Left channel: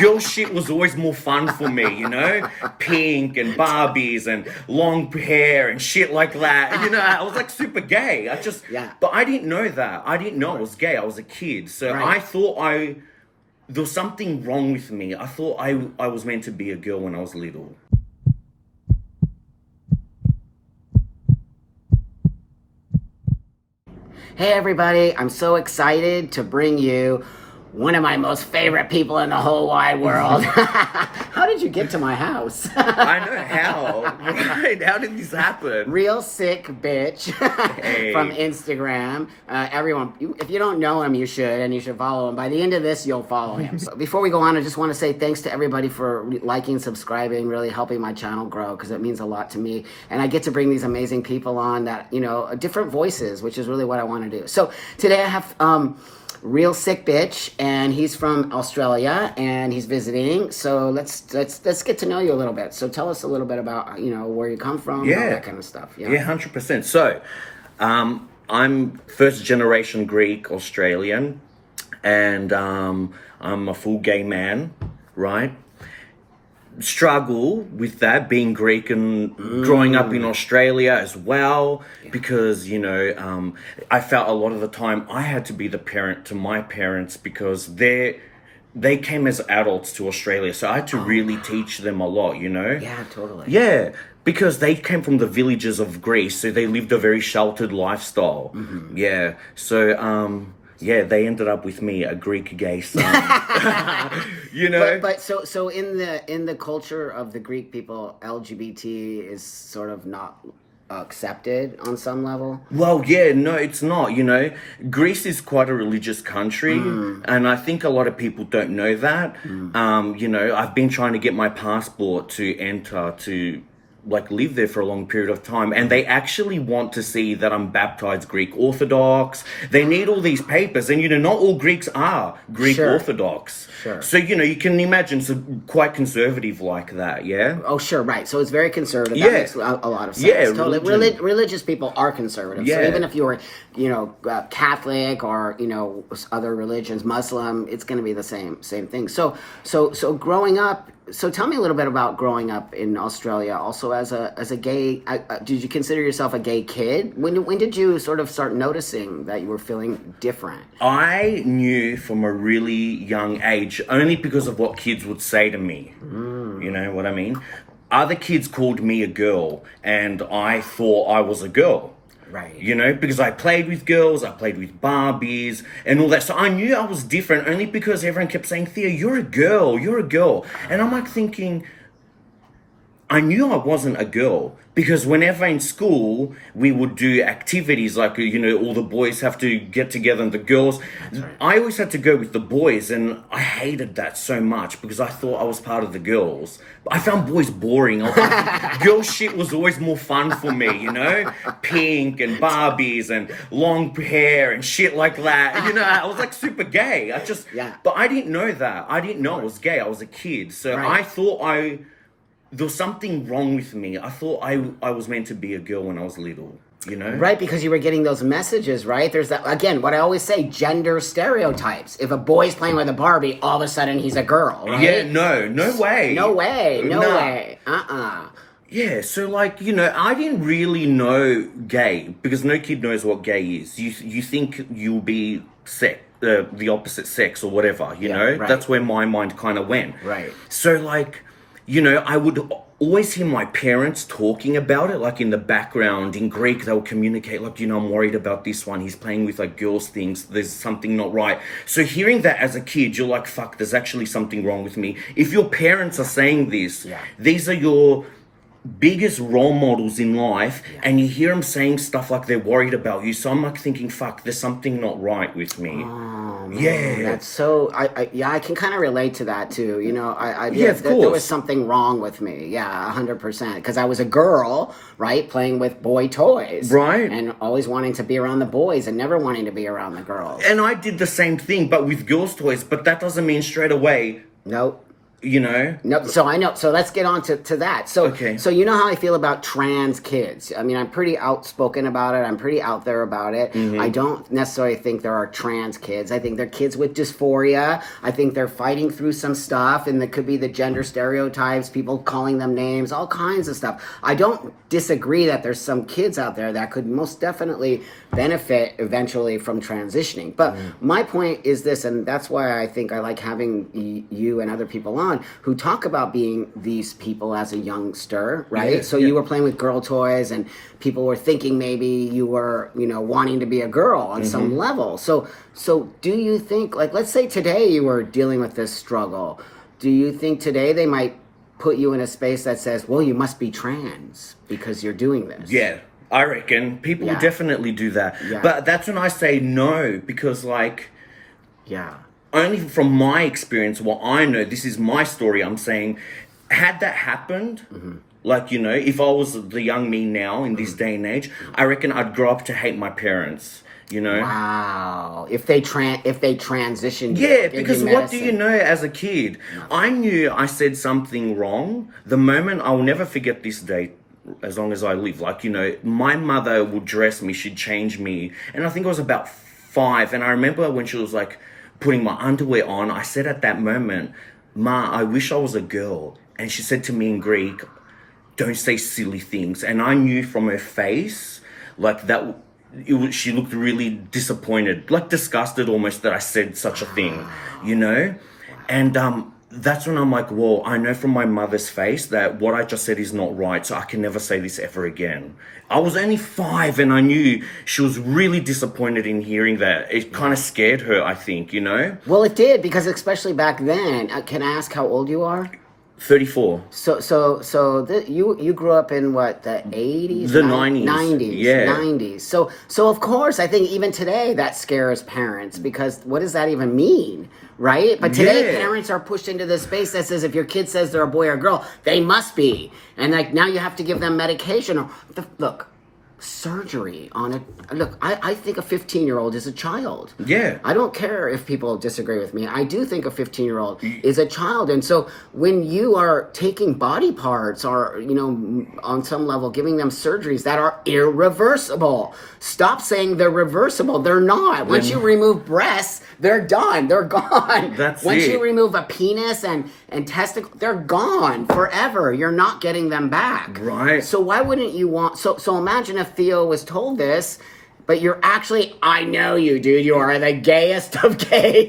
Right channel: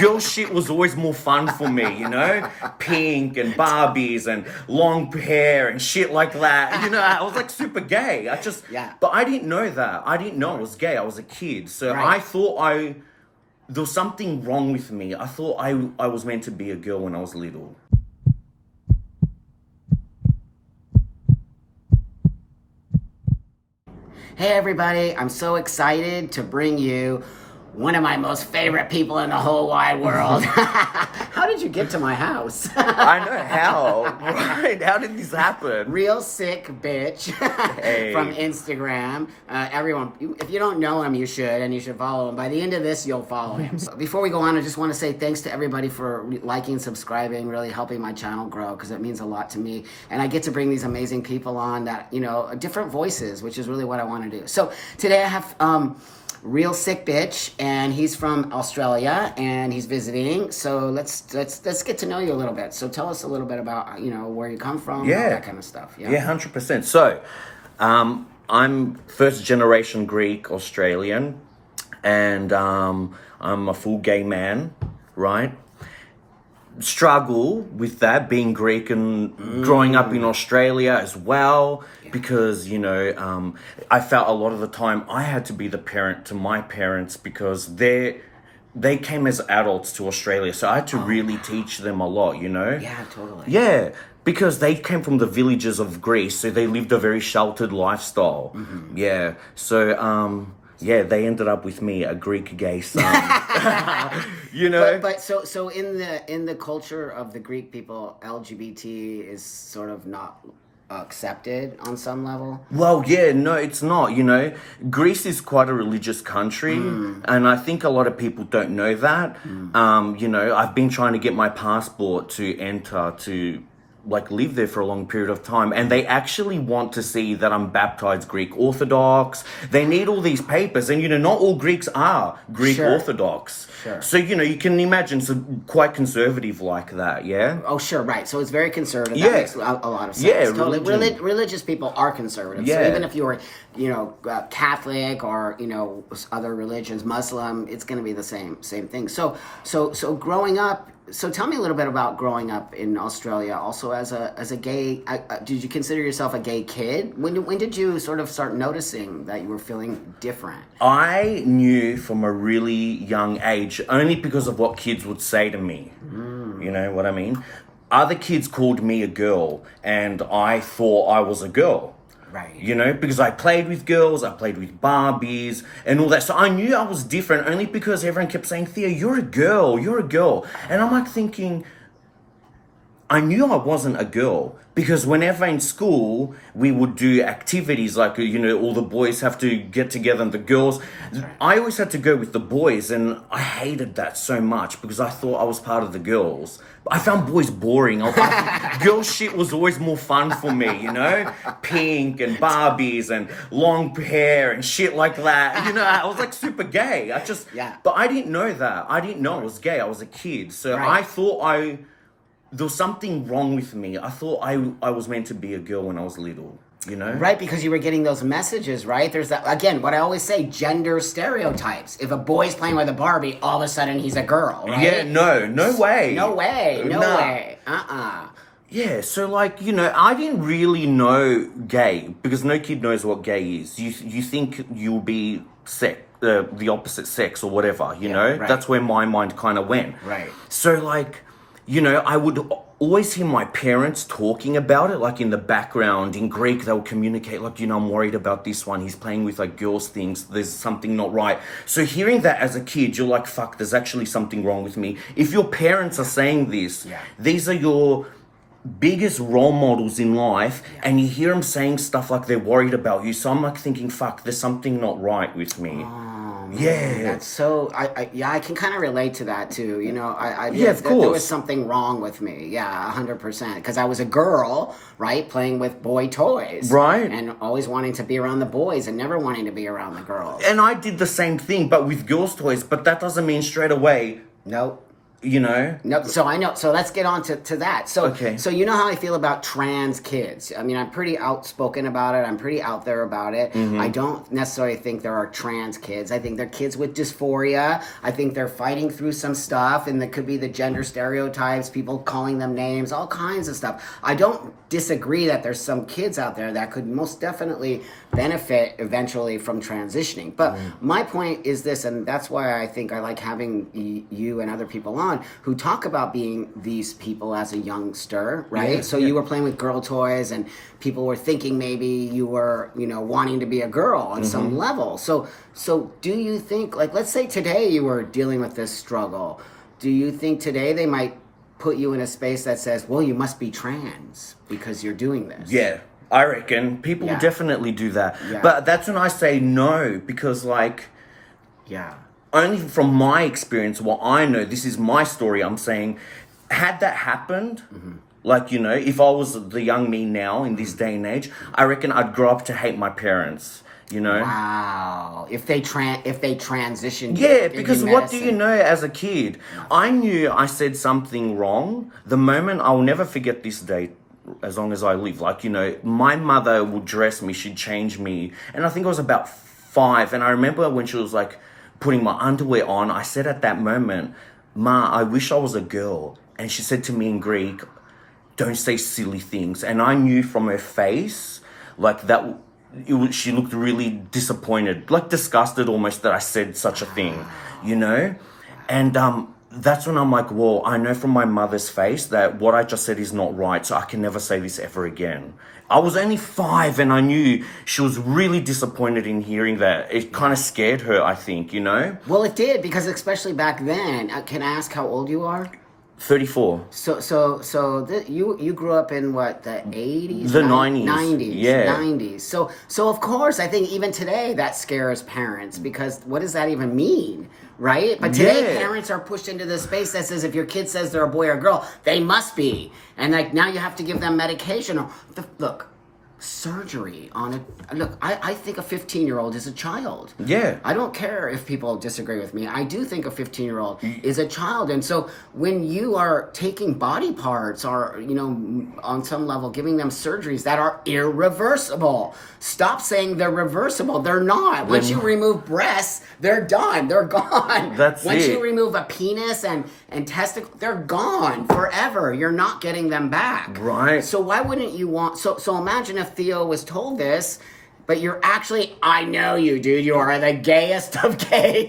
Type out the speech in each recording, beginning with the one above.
girl shit was always more fun for me, you know? Pink and Barbies and long hair and shit like that. You know, I was like super gay. But I didn't know that. I didn't know I was gay. I was a kid. So I thought there was something wrong with me. I thought I was meant to be a girl when I was little. Hey everybody, I'm so excited to bring you one of my most favorite people in the whole wide world. How did you get to my house? I know how. Right? How did this happen? Real sick bitch from Instagram. Everyone, if you don't know him, you should, and you should follow him. By the end of this, you'll follow him. So before we go on, I just want to say thanks to everybody for liking, subscribing, really helping my channel grow, because it means a lot to me. And I get to bring these amazing people on that, you know, different voices, which is really what I want to do. So today I have real sick bitch, and he's from Australia and he's visiting. So let's get to know you a little bit. So tell us a little bit about, you know, where you come from, and all that kind of stuff. Yeah, 100%. So I'm first generation Greek Australian, and I'm a full gay man, right? Struggle with that, being Greek and growing up in Australia as well, because, you know, I felt a lot of the time I had to be the parent to my parents, because they came as adults to Australia, so I had to really teach them a lot, you know? Yeah, totally. Yeah, because they came from the villages of Greece, so they lived a very sheltered lifestyle. Yeah, so yeah, they ended up with me, a Greek gay son. You know. But so in the culture of the Greek people, LGBT is sort of not accepted on some level. Well, yeah, no, it's not. You know, Greece is quite a religious country, and I think a lot of people don't know that. You know, I've been trying to get my passport to enter to like live there for a long period of time, and they actually want to see that I'm baptized Greek Orthodox. They need all these papers, and you know, not all Greeks are Greek Orthodox. So you know, you can imagine some quite conservative like that. Yeah. Oh sure, right. So it's very conservative. That makes a lot of sense. Yeah, totally. Religious people are conservative. So even if you were, you know, Catholic or, you know, other religions, Muslim, it's going to be the same thing. So growing up. So tell me a little bit about growing up in Australia. Also, as a gay, did you consider yourself a gay kid? When did you sort of start noticing that you were feeling different? I knew from a really young age, only because of what kids would say to me. You know what I mean? Other kids called me a girl, and I thought I was a girl. Right. You know, because I played with girls, I played with Barbies and all that. So I knew I was different, only because everyone kept saying, Theo, you're a girl. And I'm like thinking, I knew I wasn't a girl, because whenever in school we would do activities like, you know, all the boys have to get together and the girls, I always had to go with the boys, and I hated that so much because I thought I was part of the girls. I found boys boring. Girl shit was always more fun for me, you know? Pink and Barbies and long hair and shit like that. You know, I was like super gay. But I didn't know that. I didn't know I was gay. I was a kid. So I thought there was something wrong with me. I thought I was meant to be a girl when I was little, you know? Right, because you were getting those messages, right? There's that, again, what I always say, gender stereotypes. If a boy's playing with a Barbie, all of a sudden he's a girl, right? Yeah, no way. No way. Yeah, so like, you know, I didn't really know gay, because no kid knows what gay is. You think you'll be the opposite sex or whatever, you know? Right. That's where my mind kind of went. Right. So like, you know, I would always hear my parents talking about it, like in the background. In Greek, they would communicate, like, you know, I'm worried about this one. He's playing with, like, girls' things. There's something not right. So hearing that as a kid, you're like, fuck, there's actually something wrong with me. If your parents are saying this, these are your biggest role models in life, and you hear them saying stuff like they're worried about you. So I'm like thinking, fuck, there's something not right with me. Oh, man, that's so. I can kind of relate to that too. You know, of course, there was something wrong with me. 100%. Because I was a girl, right, playing with boy toys, right, and always wanting to be around the boys and never wanting to be around the girls. And I did the same thing, but with girls' toys. But that doesn't mean straight away. Nope. you know? No, so I know. So let's get on to that. So, Okay. so you know how I feel about trans kids. I mean, I'm pretty outspoken about it. I'm pretty out there about it. I don't necessarily think there are trans kids. I think they're kids with dysphoria. I think they're fighting through some stuff, and it could be the gender stereotypes, people calling them names, all kinds of stuff. I don't disagree that there's some kids out there that could most definitely benefit eventually from transitioning. But my point is this, and that's why I think I like having you and other people on who talk about being these people as a youngster, right? Yeah, So yeah. you were playing with girl toys and people were thinking maybe you were, wanting to be a girl on some level. So do you think, like, let's say today you were dealing with this struggle. Do you think today they might put you in a space that says, well, you must be trans because you're doing this? Yeah, I reckon people Yeah. definitely do that. Yeah. But that's when I say no, because like, Yeah. only from my experience, what I know, this is my story, I'm saying, had that happened, like, if I was the young me now in this day and age, I reckon I'd grow up to hate my parents, Wow. If they transitioned you, Yeah, give you because what do you medicine. know as a kid? I knew I said something wrong. The moment, I'll never forget this day as long as I live. Like, my mother would dress me, she'd change me. And I think I was about 5. And I remember when she was like putting my underwear on, I said at that moment, Ma, I wish I was a girl. And she said to me in Greek, don't say silly things. And I knew from her face, like that, she looked really disappointed, like disgusted almost that I said such a thing, And that's when I'm like, well, I know from my mother's face that what I just said is not right, so I can never say this ever again. I was only 5 and I knew she was really disappointed in hearing that. It kind of scared her, I think, Well, it did, because especially back then, can I ask how old you are? 34. You grew up in what, the 80s? The 90s. 90s. Yeah. 90s. So of course, I think even today that scares parents, because what does that even mean, right? But today parents are pushed into this space that says if your kid says they're a boy or a girl, they must be. And like now you have to give them medication or look, surgery on it. Look, I think a 15-year-old is a child. Yeah. I don't care if people disagree with me. I do think a 15-year-old is a child. And so when you are taking body parts or, on some level giving them surgeries that are irreversible, stop saying they're reversible. They're not. Once you remove breasts, they're done. They're gone. That's Once it. you remove a penis and testicle, they're gone forever. You're not getting them back. Right. So why wouldn't you want... So imagine if Theo was told this, but you're actually... I know you, dude. You are the gayest of gay.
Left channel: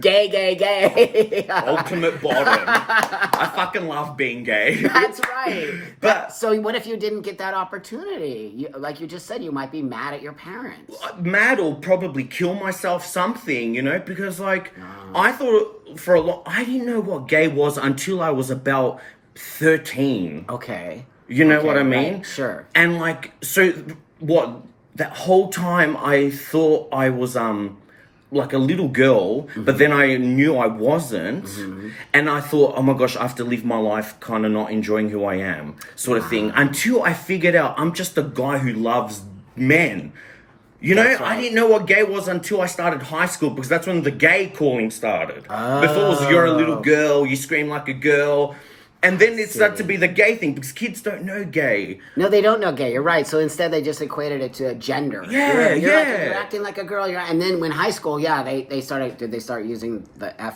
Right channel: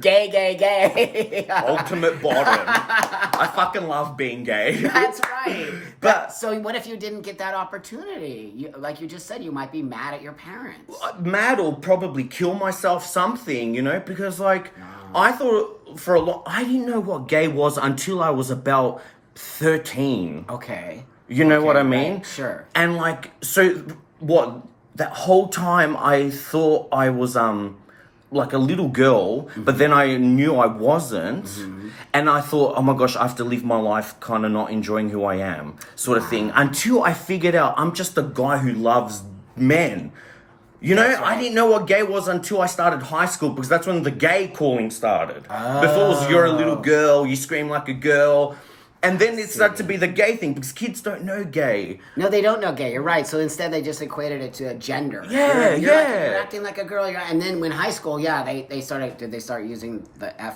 Gay. Ultimate bottom. I fucking love being gay. That's right. But- so what if you didn't get that opportunity? Like you just said, you might be mad at your parents. Mad or probably kill myself, something, because I thought for a lot, I didn't know what gay was until I was about 13. Okay. You know what I mean? Right, sure. And that whole time I thought I was like a little girl, but then I knew I wasn't, and I thought, oh my gosh, I have to live my life kind of not enjoying who I am, sort of thing, until I figured out I'm just a guy who loves men. That's right. I didn't know what gay was until I started high school, because that's when the gay calling started. Before it was you're a little girl, you scream like a girl. And then it started to be the gay thing, because kids don't know gay. No, they don't know gay. You're right. So instead, they just equated it to gender. Yeah, you're acting like a girl. And then when high school, they started. Did they start using the F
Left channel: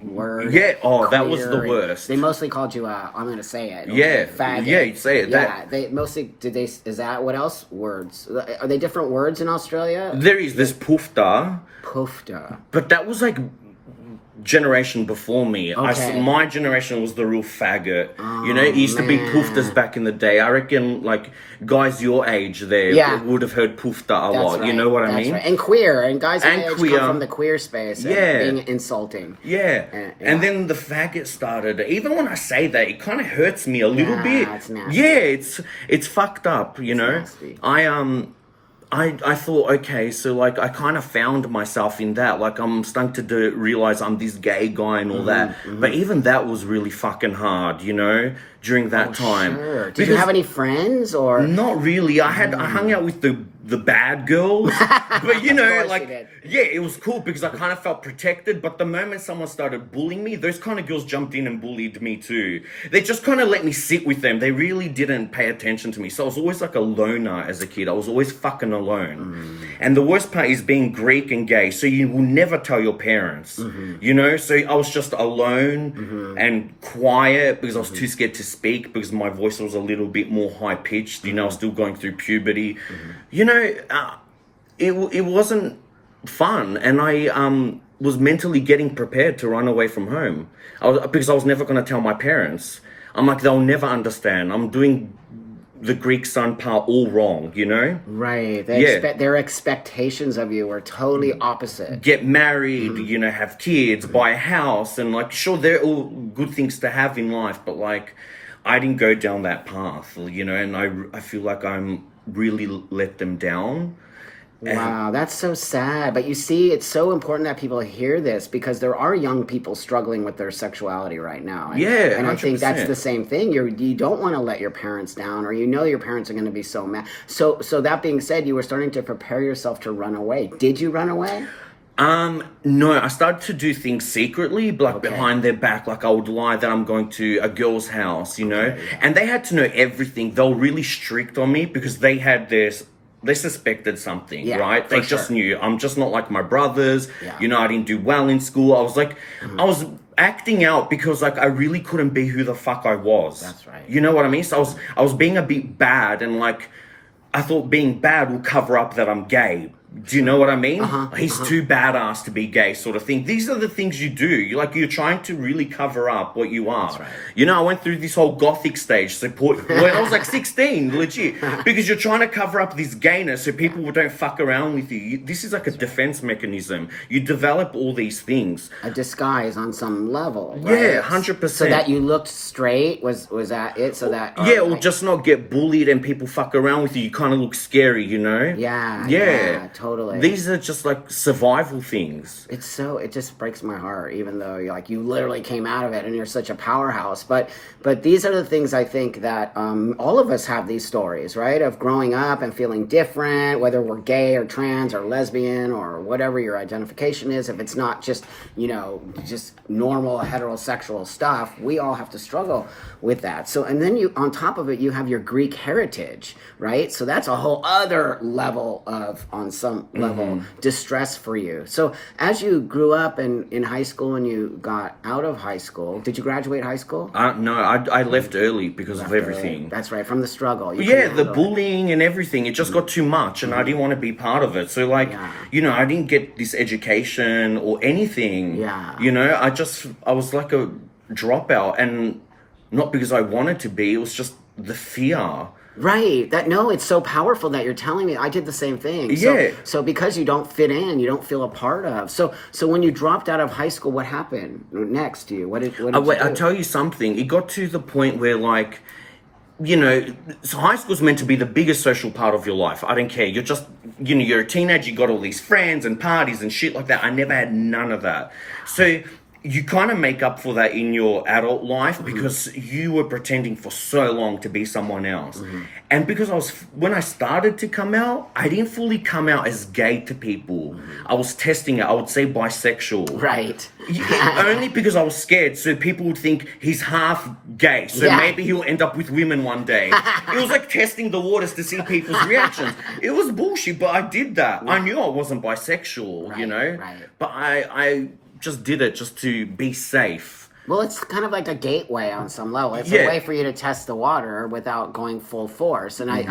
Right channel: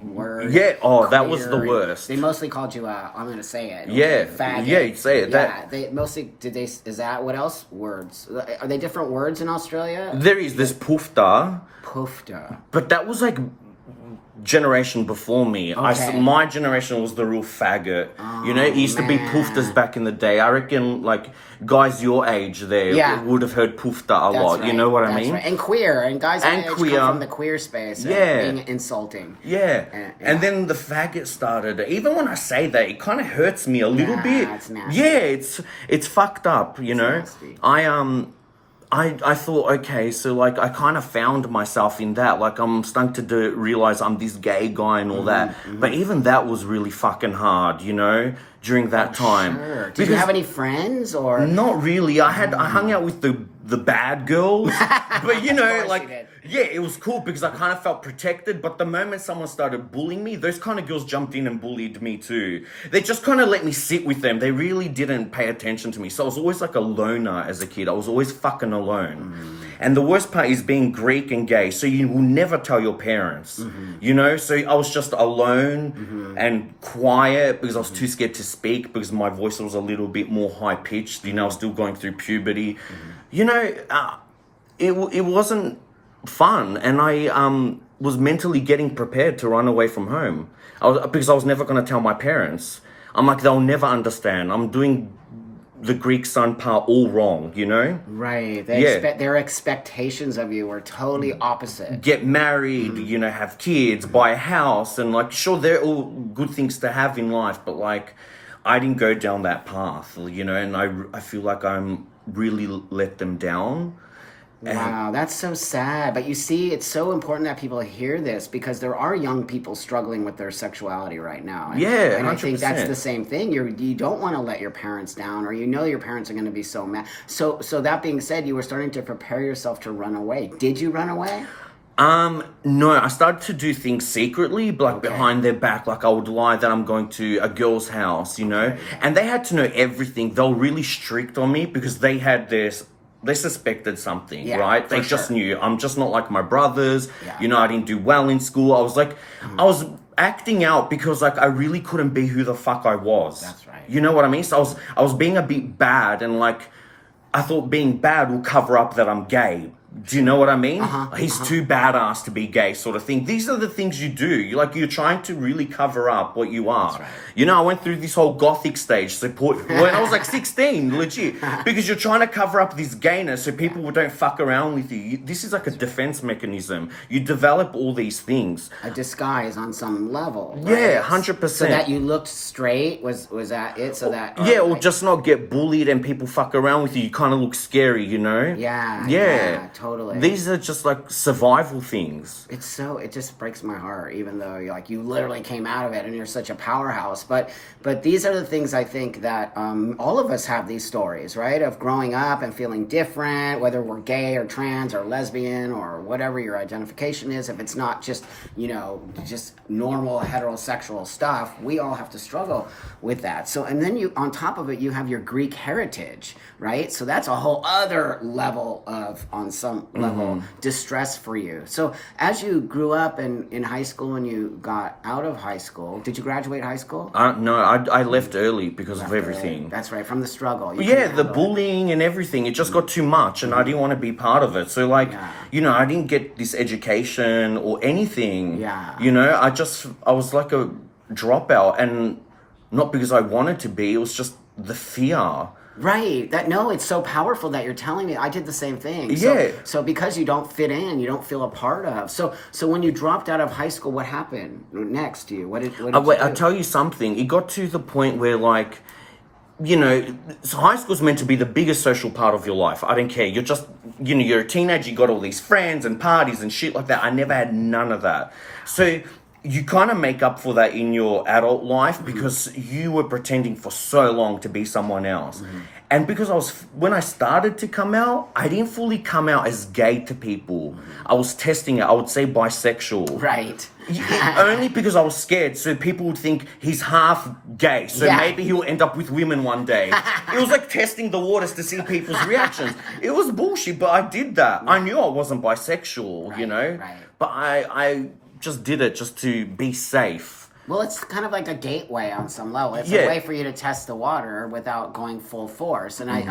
word? Yeah. Oh, that was the queer, and worst. They mostly called you. I'm going to say it. Yeah. Faggot. Yeah, you say it. Yeah. They mostly did. They is that what else words? Are they different words in Australia? There's poofda, Poofda. but that was like generation before me. Okay. My generation was the real faggot. It used to be poofdas back in the day. I reckon guys your age there would have heard poofda a lot. Right. You know what I That's mean? Right. And queer. And guys And my age queer. come from the queer space. Yeah. Being insulting. Yeah. And then the faggot started. Even when I say that, it kind of hurts me a little bit. It's nasty. Yeah, it's fucked up, nasty. I thought, okay, so I kind of found myself in that. I'm starting to realize I'm this gay guy and all that. But even that was really fucking hard, during that time. Sure. Did you have any friends or? Not really. I hung out with the bad girls. But you know, course like, you did. yeah, it was cool because I kind of felt protected. But the moment someone started bullying me, those kind of girls jumped in and bullied me too. They just kind of let me sit with them. They really didn't pay attention to me. So I was always like a loner as a kid. I was always fucking alone. And the worst part is being Greek and gay. So you will never tell your parents, you know? So I was just alone and quiet because I was too scared to speak because my voice was a little bit more high pitched. You know, I was still going through puberty. You know, it wasn't fun, and I was mentally getting prepared to run away from home. Because I was never going to tell my parents. I'm like, they'll never understand. I'm doing the Greek son part all wrong, you know? Right. Their expectations of you were totally opposite. Get married, you know, have kids, buy a house, and like, sure, they're all good things to have in life, but like, I didn't go down that path, you know, and I feel like I'm really let them down. Wow, that's so sad. But you see, it's so important that people hear this because there are young people struggling with their sexuality right now. And, Yeah, and I think that's 100%. the same thing. You don't want to let your parents down, or you know your parents are going to be so mad. So that being said, you were starting to prepare yourself to run away. Did you run away? No, I started to do things secretly, like behind their back. Like I would lie that I'm going to a girl's house, you know, and they had to know everything. They were really strict on me because they had they suspected something, right? They just knew. I'm just not like my brothers. You know, I didn't do well in school. I was like, I was acting out because like I really couldn't be who the fuck I was. That's right. You know what I mean? So I was being a bit bad, and like I thought being bad will cover up that I'm gay. Do you know what I mean? He's too badass to be gay, sort of thing. These are the things you do. You're trying to really cover up what you are. That's right. You know, I went through this whole gothic stage. When I was like 16, legit, because you're trying to cover up this gayness so people don't fuck around with you. This is like a defense mechanism. You develop all these things. A disguise on some level, right? Yeah, 100%. So that you looked straight, was that it? So that or just not get bullied and people fuck around with you. You kind of look scary, you know? Yeah, totally. These are just like survival things. It just breaks my heart, even though you literally came out of it and you're such a powerhouse. But these are the things I think that all of us have these stories, right? Of growing up and feeling different, whether we're gay or trans or lesbian or whatever your identification is. If it's not just, just normal heterosexual stuff, we all have to struggle with that. So, and then on top of it, you have your Greek heritage, right? So that's a whole other level on some level, distress for you. So as you grew up in high school and you got out of high school, did you graduate high school? No, I left early because of everything. Early. That's right, from the struggle. The bullying and everything, it just got too much and I didn't want to be part of it. So I didn't get this education or anything. You know, I was like a dropout, and not because I wanted to be, it was just the fear. Right. It's so powerful that you're telling me. I did the same thing. So because you don't fit in, you don't feel a part of. So when you dropped out of high school, what happened next to you? What did you do? I'll tell you something. It got to the point where so high school's meant to be the biggest social part of your life. I don't care. You're just, you're a teenager, you got all these friends and parties and shit like that. I never had none of that. So you kind of make up for that in your adult life because you were pretending for so long to be someone else. And because when I started to come out, I didn't fully come out as gay to people. I was testing it. I would say bisexual. Right. Only because I was scared. So people would think he's half gay. So maybe he'll end up with women one day. It was like testing the waters to see people's reactions. It was bullshit, but I did that. I knew I wasn't bisexual, Right. But I just did it just to be safe. Well, it's kind of like a gateway on some level. It's a way for you to test the water without going full force. And I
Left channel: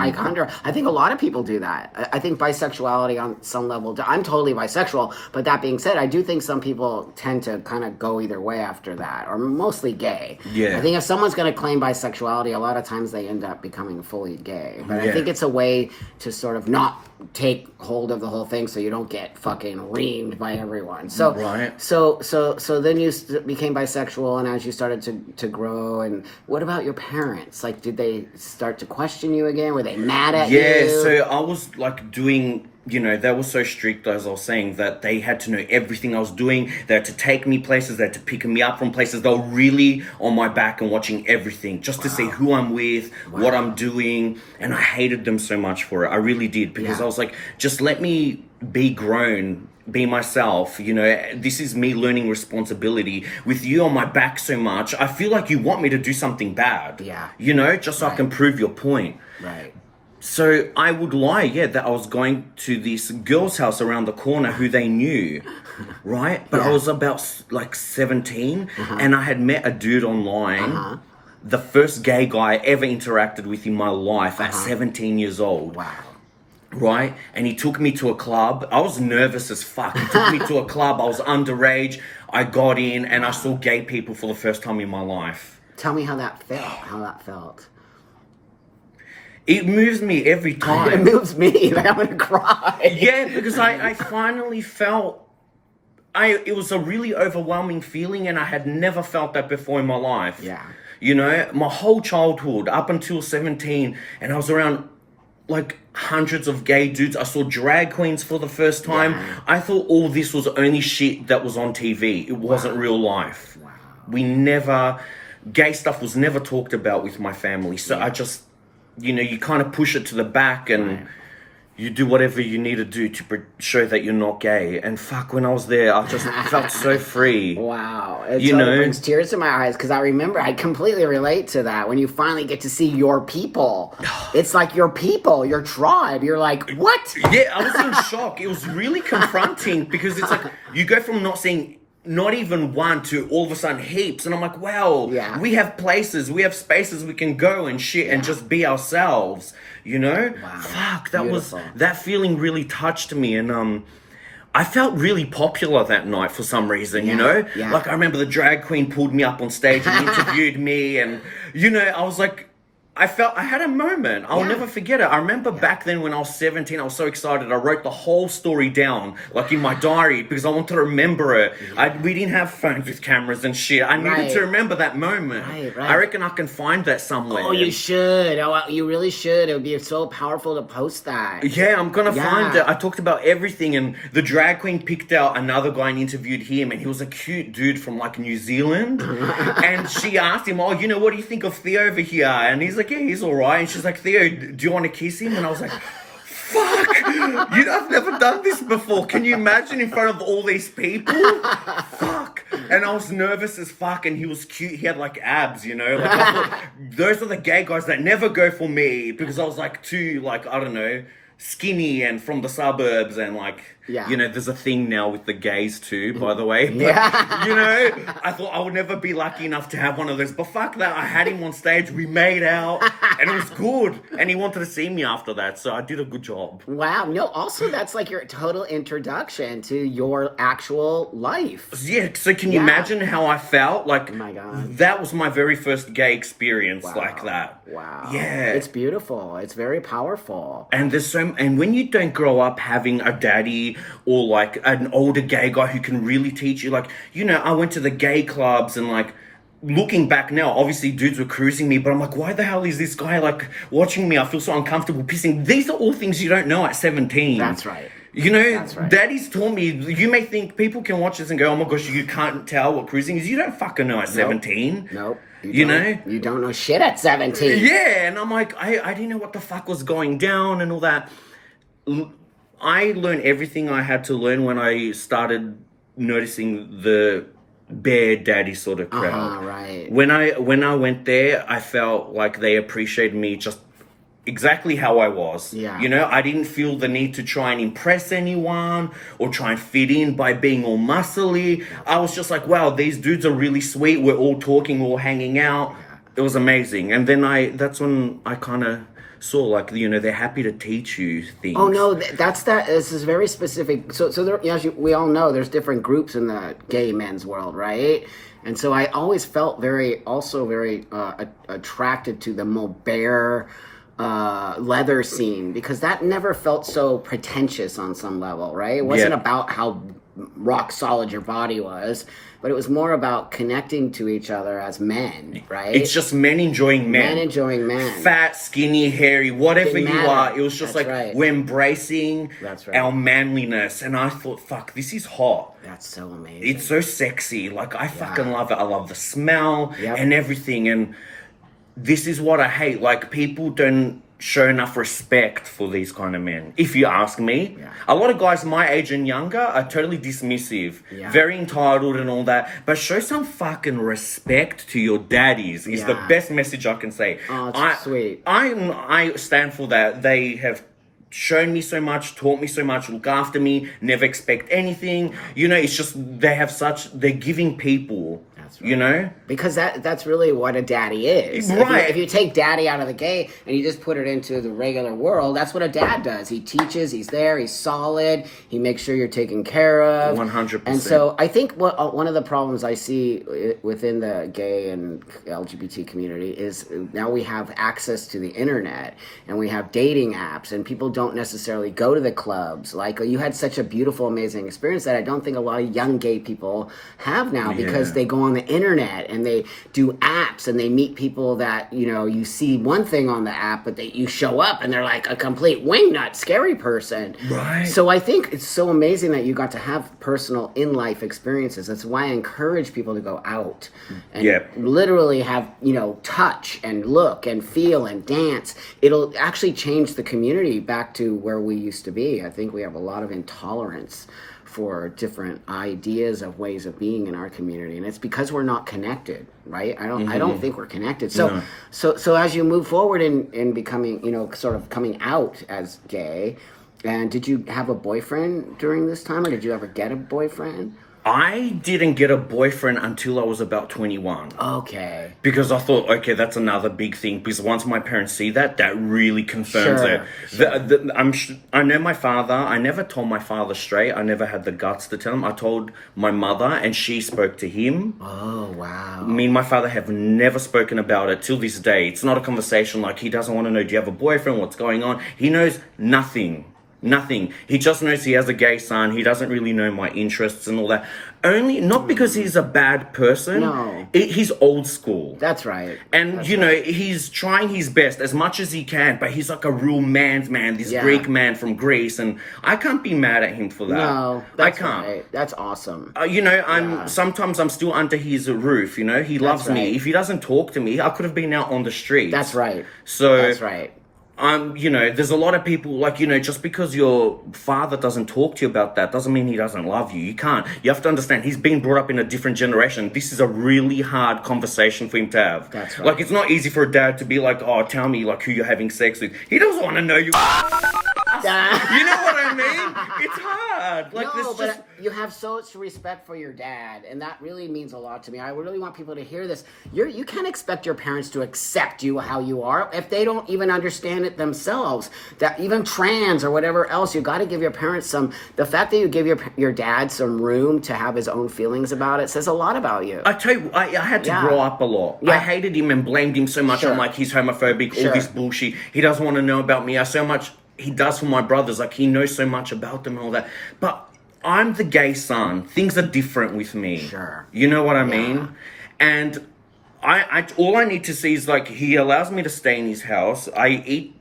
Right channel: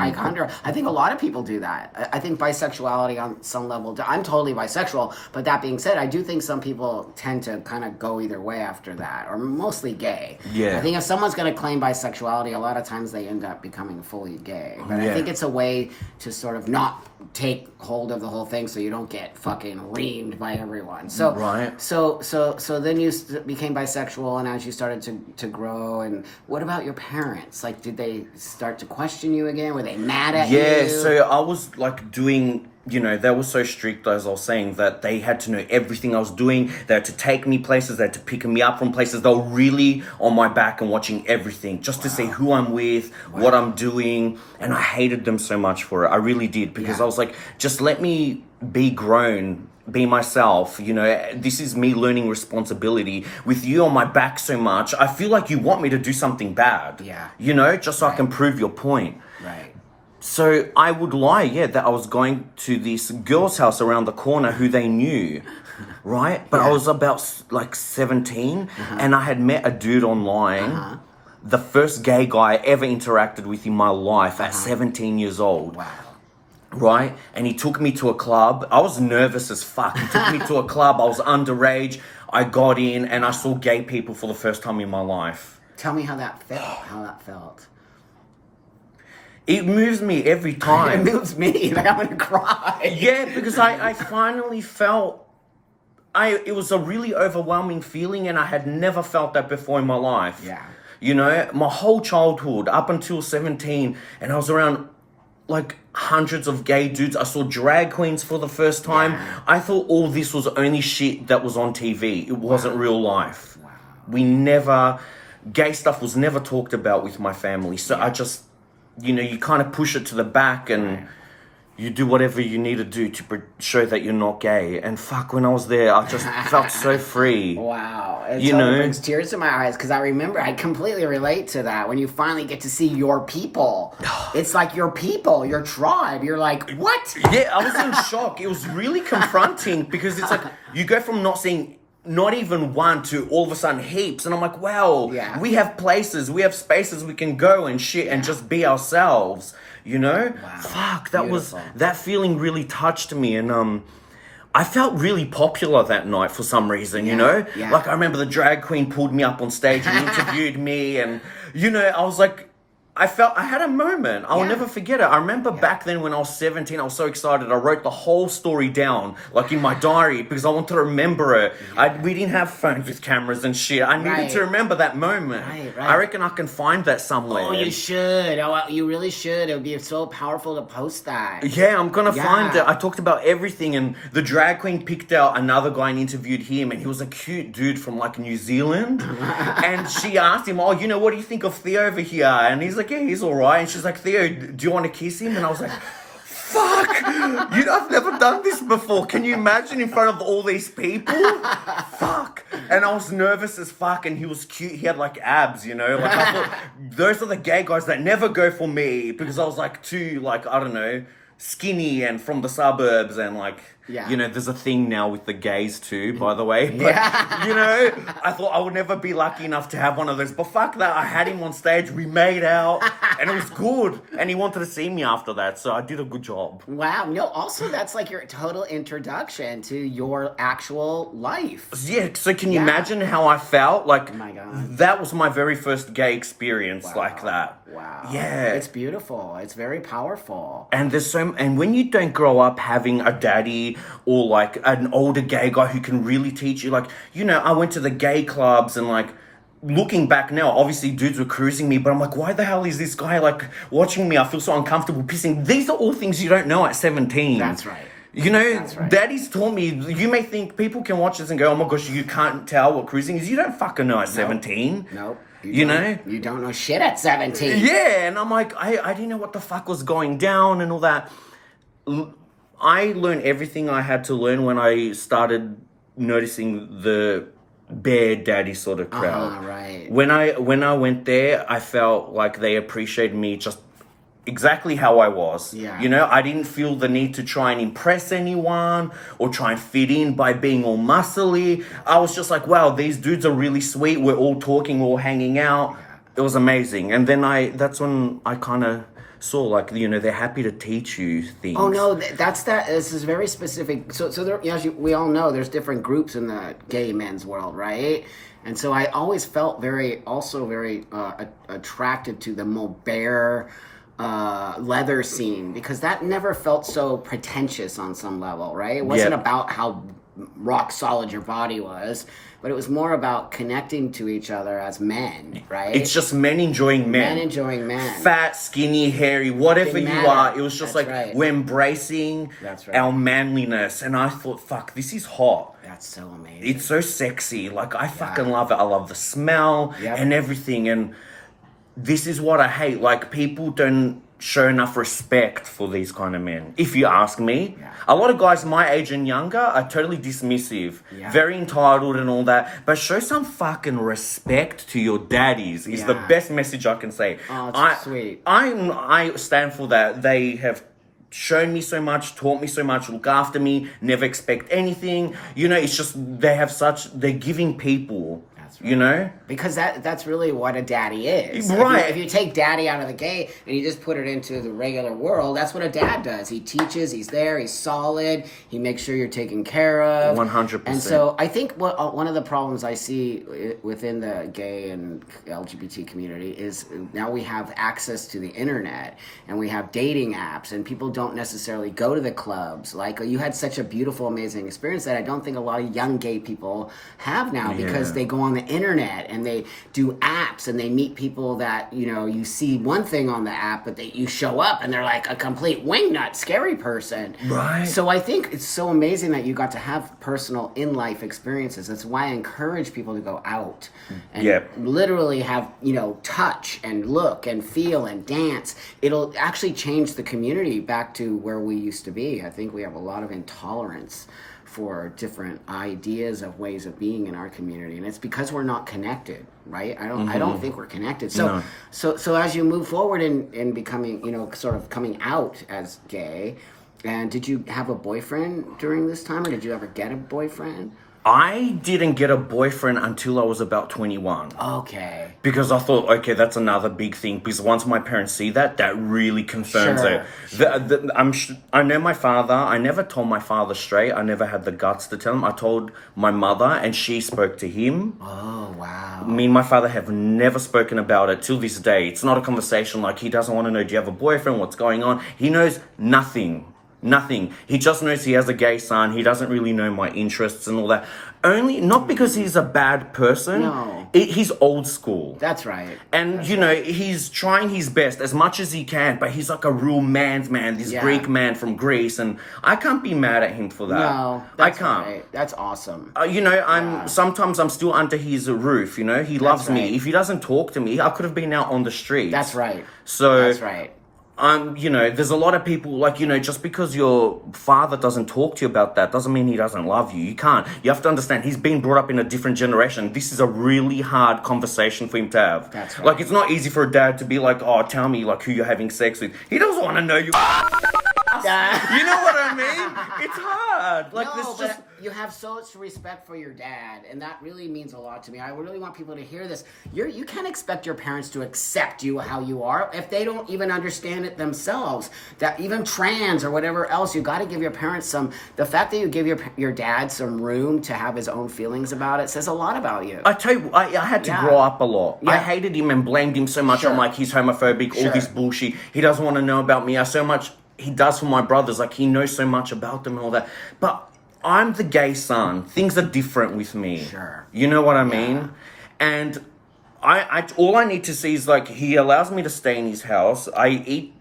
think a lot of people do that. I think bisexuality on some level, I'm totally bisexual, but that being said, I do think some people tend to kind of go either way after that, or mostly gay. I think if someone's going to claim bisexuality, a lot of times they end up becoming fully gay. But I think it's a way to sort of not take hold of the whole thing so you don't get fucking reamed by everyone. So then you became bisexual, and as you started to grow, and what about your parents? Like, did they start to question you again? Were they mad at you? Yeah, so I was like doing you know, they were so strict, as I was saying, that they had to know everything I was doing. They had to take me places. They had to pick me up from places. They were really on my back and watching everything just to see who I'm with, what I'm doing. And I hated them so much for it. I really did, because I was like, just let me be grown, be myself. You know, this is me learning responsibility. With you on my back so much, I feel like you want me to do something bad. Yeah. You know, just so I can prove your point. Right. So I would lie, that I was going to this girl's house around the corner who they knew, right? But I was about like 17, and I had met a dude online, the first gay guy I ever interacted with in my life at 17 years old. Wow. Right? And he took me to a club. I was nervous as fuck. He took me to a club. I was underage. I got in and I saw gay people for the first time in my life. Tell me how that felt. It moves me every time. It moves me. Like, I'm gonna cry. Yeah, because I finally felt... It was a really overwhelming feeling, and I had never felt that before in my life. Yeah. You know, my whole childhood, up until 17, and I was around... like hundreds of gay dudes. I saw drag queens for the first time. Yeah. I thought all this was only shit that was on TV. It wasn't real life. Wow. Gay stuff was never talked about with my family. So I just, you know, you kind of push it to the back and you do whatever you need to do to show that you're not gay. And fuck, when I was there, I just felt so free. Wow. It totally brings tears to my eyes, because I remember, I completely relate to that. When you finally get to see your people, it's like your people, your tribe. You're like, what? Yeah, I was in shock. It was really confronting, because it's like, you go from not seeing not even one to all of a sudden heaps. And I'm like, wow, we have places, we have spaces we can go and shit and just be ourselves. You know? Wow. Fuck, that feeling really touched me, and I felt really popular that night for some reason, you know? Yeah. Like, I remember the drag queen pulled me up on stage and interviewed me, and, you know, I was like, I had a moment. I'll never forget it. I remember back then when I was 17, I was so excited. I wrote the whole story down, like in my diary, because I wanted to remember it. We didn't have phones with cameras and shit. I needed to remember that moment. Right. I reckon I can find that somewhere. Oh, you should. Oh, you really should. It would be so powerful to post that. Yeah, I'm gonna find it. I talked about everything, and the drag queen picked out another guy and interviewed him, and he was a cute dude from like New Zealand. And she asked him, oh, you know, what do you think of Theo over here? And he's like, yeah, he's all right. And she's like, Theo, do you want to kiss him? And I was like, fuck, I've never done this before. Can you imagine in front of all these people? Fuck. And I was nervous as fuck, and he was cute. He had like abs, you know? Like, I thought, those are the gay guys that never go for me, because I was like too, like, I don't know, skinny and from the suburbs, and like, you know, there's a thing now with the gays too, by the way. But, you know, I thought I would never be lucky enough to have one of those. But fuck that, I had him on stage, we made out, and it was good. And he wanted to see me after that, so I did a good job. Wow. No, also that's like your total introduction to your actual life. Yeah, so can you imagine how I felt? Like, oh my God. That was my very first gay experience like that. Wow. Yeah. It's beautiful. It's very powerful. And and when you don't grow up having a daddy or like an older gay guy who can really teach you, like, you know, I went to the gay clubs, and like, looking back now, obviously dudes were cruising me, but I'm like, why the hell is this guy like watching me? I feel so uncomfortable pissing. These are all things you don't know at 17. That's right. You know, daddy's taught me. You may think people can watch this and go, oh my gosh, you can't tell what cruising is. You don't fucking know at 17. Nope. You know? You don't know shit at 17. Yeah, and I'm like, I didn't know what the fuck was going down and all that. I learned everything I had to learn when I started noticing the bear daddy sort of crowd. Right. When I went there, I felt like they appreciated me just exactly how I was. Yeah. You know, I didn't feel the need to try and impress anyone or try and fit in by being all muscly. I was just like, wow, these dudes are really sweet. We're all talking, we're all hanging out. It was amazing. And then that's when I kind of saw, like, you know, they're happy to teach you things. Oh no, this is very specific. So there, as we all know, there's different groups in the gay men's world, right? And so I always felt very attracted to the Mobare leather scene, because that never felt so pretentious on some level, right? It wasn't about how rock solid your body was, but it was more about connecting to each other as men, right? It's just men enjoying men. Men enjoying men. Fat, skinny, hairy, whatever Didn't you matter. are. It was just That's like right. we're embracing That's right. our manliness. And I thought, fuck, this is hot. That's so amazing. It's so sexy. Like, I fucking love it. I love the smell and everything. And this is what I hate. Like, people don't show enough respect for these kind of men, if you ask me. A lot of guys my age and younger are totally dismissive, very entitled and all that, but show some fucking respect to your daddies is the best message I can say. Oh, it's sweet. I stand for that. They have shown me so much, taught me so much, look after me, never expect anything. You know, it's just they're giving people. Right. You know? Because that's really what a daddy is. Right. If you take daddy out of the gay and you just put it into the regular world, that's what a dad does. He teaches, he's there, he's solid, he makes sure you're taken care of. 100%. And so I think one of the problems I see within the gay and LGBT community is now we have access to the internet and we have dating apps and people don't necessarily go to the clubs. Like, you had such a beautiful, amazing experience that I don't think a lot of young gay people have now because they go on the internet and they do apps and they meet people that, you know, you see one thing on the app, but you show up and they're like a complete wingnut, scary person. Right. So I think it's so amazing that you got to have personal in-life experiences. That's why I encourage people to go out and literally have, you know, touch and look and feel and dance. It'll actually change the community back to where we used to be. I think we have a lot of intolerance for different ideas of ways of being in our community, and it's because we're not connected, right? I don't think we're connected. So so as you move forward in becoming, you know, sort of coming out as gay, and did you have a boyfriend during this time, or did you ever get a boyfriend? I didn't get a boyfriend until I was about 21. Okay. Because I thought, okay, that's another big thing. Because once my parents see that, that really concerns them. I know my father. I never told my father straight. I never had the guts to tell him. I told my mother, and she spoke to him. Oh, wow. Me and my father have never spoken about it till this day. It's not a conversation like he doesn't want to know, do you have a boyfriend? What's going on? He knows nothing. Nothing. He just knows he has a gay son. He doesn't really know my interests and all that. Only, not because he's a bad person. No. He's old school. That's right. And, you know, he's trying his best as much as he can, but he's like a real man's man, this Greek man from Greece, and I can't be mad at him for that. No, I can't. Right. That's awesome. You know, sometimes I'm still under his roof, you know? He loves me. If he doesn't talk to me, I could have been out on the streets. That's right. So... That's right. You know, there's a lot of people, like, you know, just because your father doesn't talk to you about that doesn't mean he doesn't love you. You can't. You have to understand, he's been brought up in a different generation. This is a really hard conversation for him to have. That's right. Like, it's not easy for a dad to be like, oh, tell me, like, who you're having sex with. He doesn't want to know you. You know what I mean? It's hard. Like, no, but you have so much respect for your dad, and that really means a lot to me. I really want people to hear this. You can't expect your parents to accept you how you are if they don't even understand it themselves. That even trans or whatever else, you got to give your parents some. The fact that you give your dad some room to have his own feelings about it says a lot about you. I tell you, I had to grow up a lot. I hated him and blamed him so much. I'm like, he's homophobic, all this bullshit. He doesn't want to know about me. So much he does for my brothers. Like, he knows so much about them and all that. But I'm the gay son. Things are different with me. Sure. You know what I mean? And I all I need to see is, like, he allows me to stay in his house. I eat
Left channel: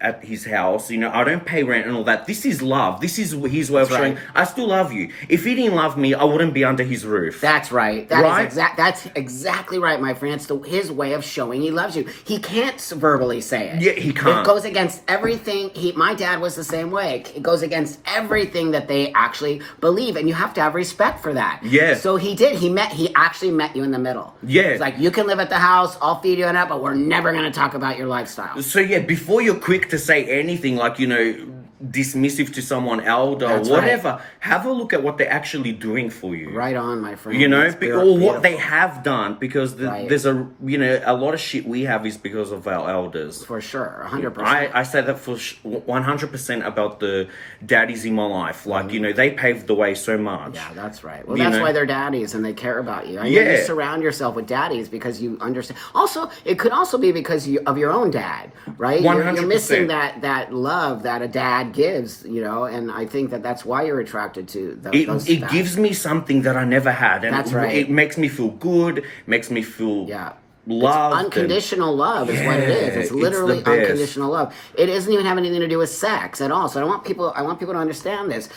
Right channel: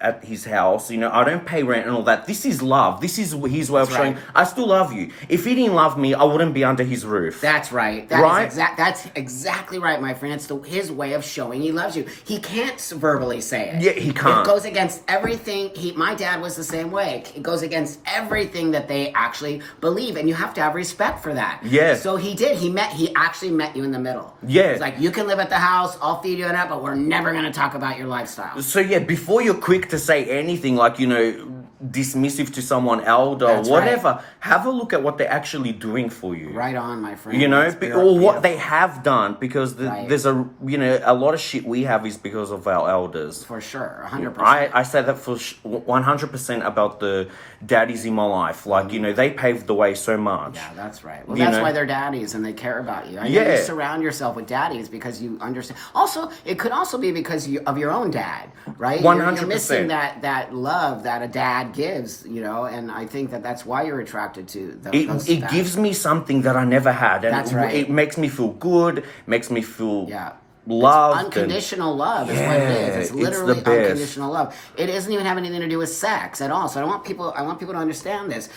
at his house, you know, I don't pay rent and all that. This is love. This is his way of showing, I still love you. If he didn't love me, I wouldn't be under his roof. That's right. That's exactly right, my friend. It's his way of showing he loves you. He can't verbally say it. Yeah, he can't. It goes against everything. My dad was the same way. It goes against everything that they actually believe, and you have to have respect for that. Yeah. So he did. He actually met you in the middle. Yeah. It's like, you can live at the house, I'll feed you and that, but we're never going to talk about your lifestyle. So yeah, before you're quick to say anything, like, you know, dismissive to someone elder or whatever, have a look at what they're actually doing for you. Right on, my friend. You know, or what they have done, because there's a, you know, a lot of shit we have is because of our elders. For sure, 100%. I say that for 100% about the daddies in my life. Like, you know, they paved the way so much. Yeah, that's right. Well, that's why they're daddies and they care about you. You surround yourself with daddies because you understand. Also, it could also be because of your own dad, right? 100%. You're missing that love that a dad gives, and I think that's why you're attracted to those. It gives me something that I never had, and That's right. It makes me feel good, makes me feel It's loved. unconditional love is what it is. It's literally the best. unconditional love. It doesn't even have anything to do with sex at all. So I want people to understand this.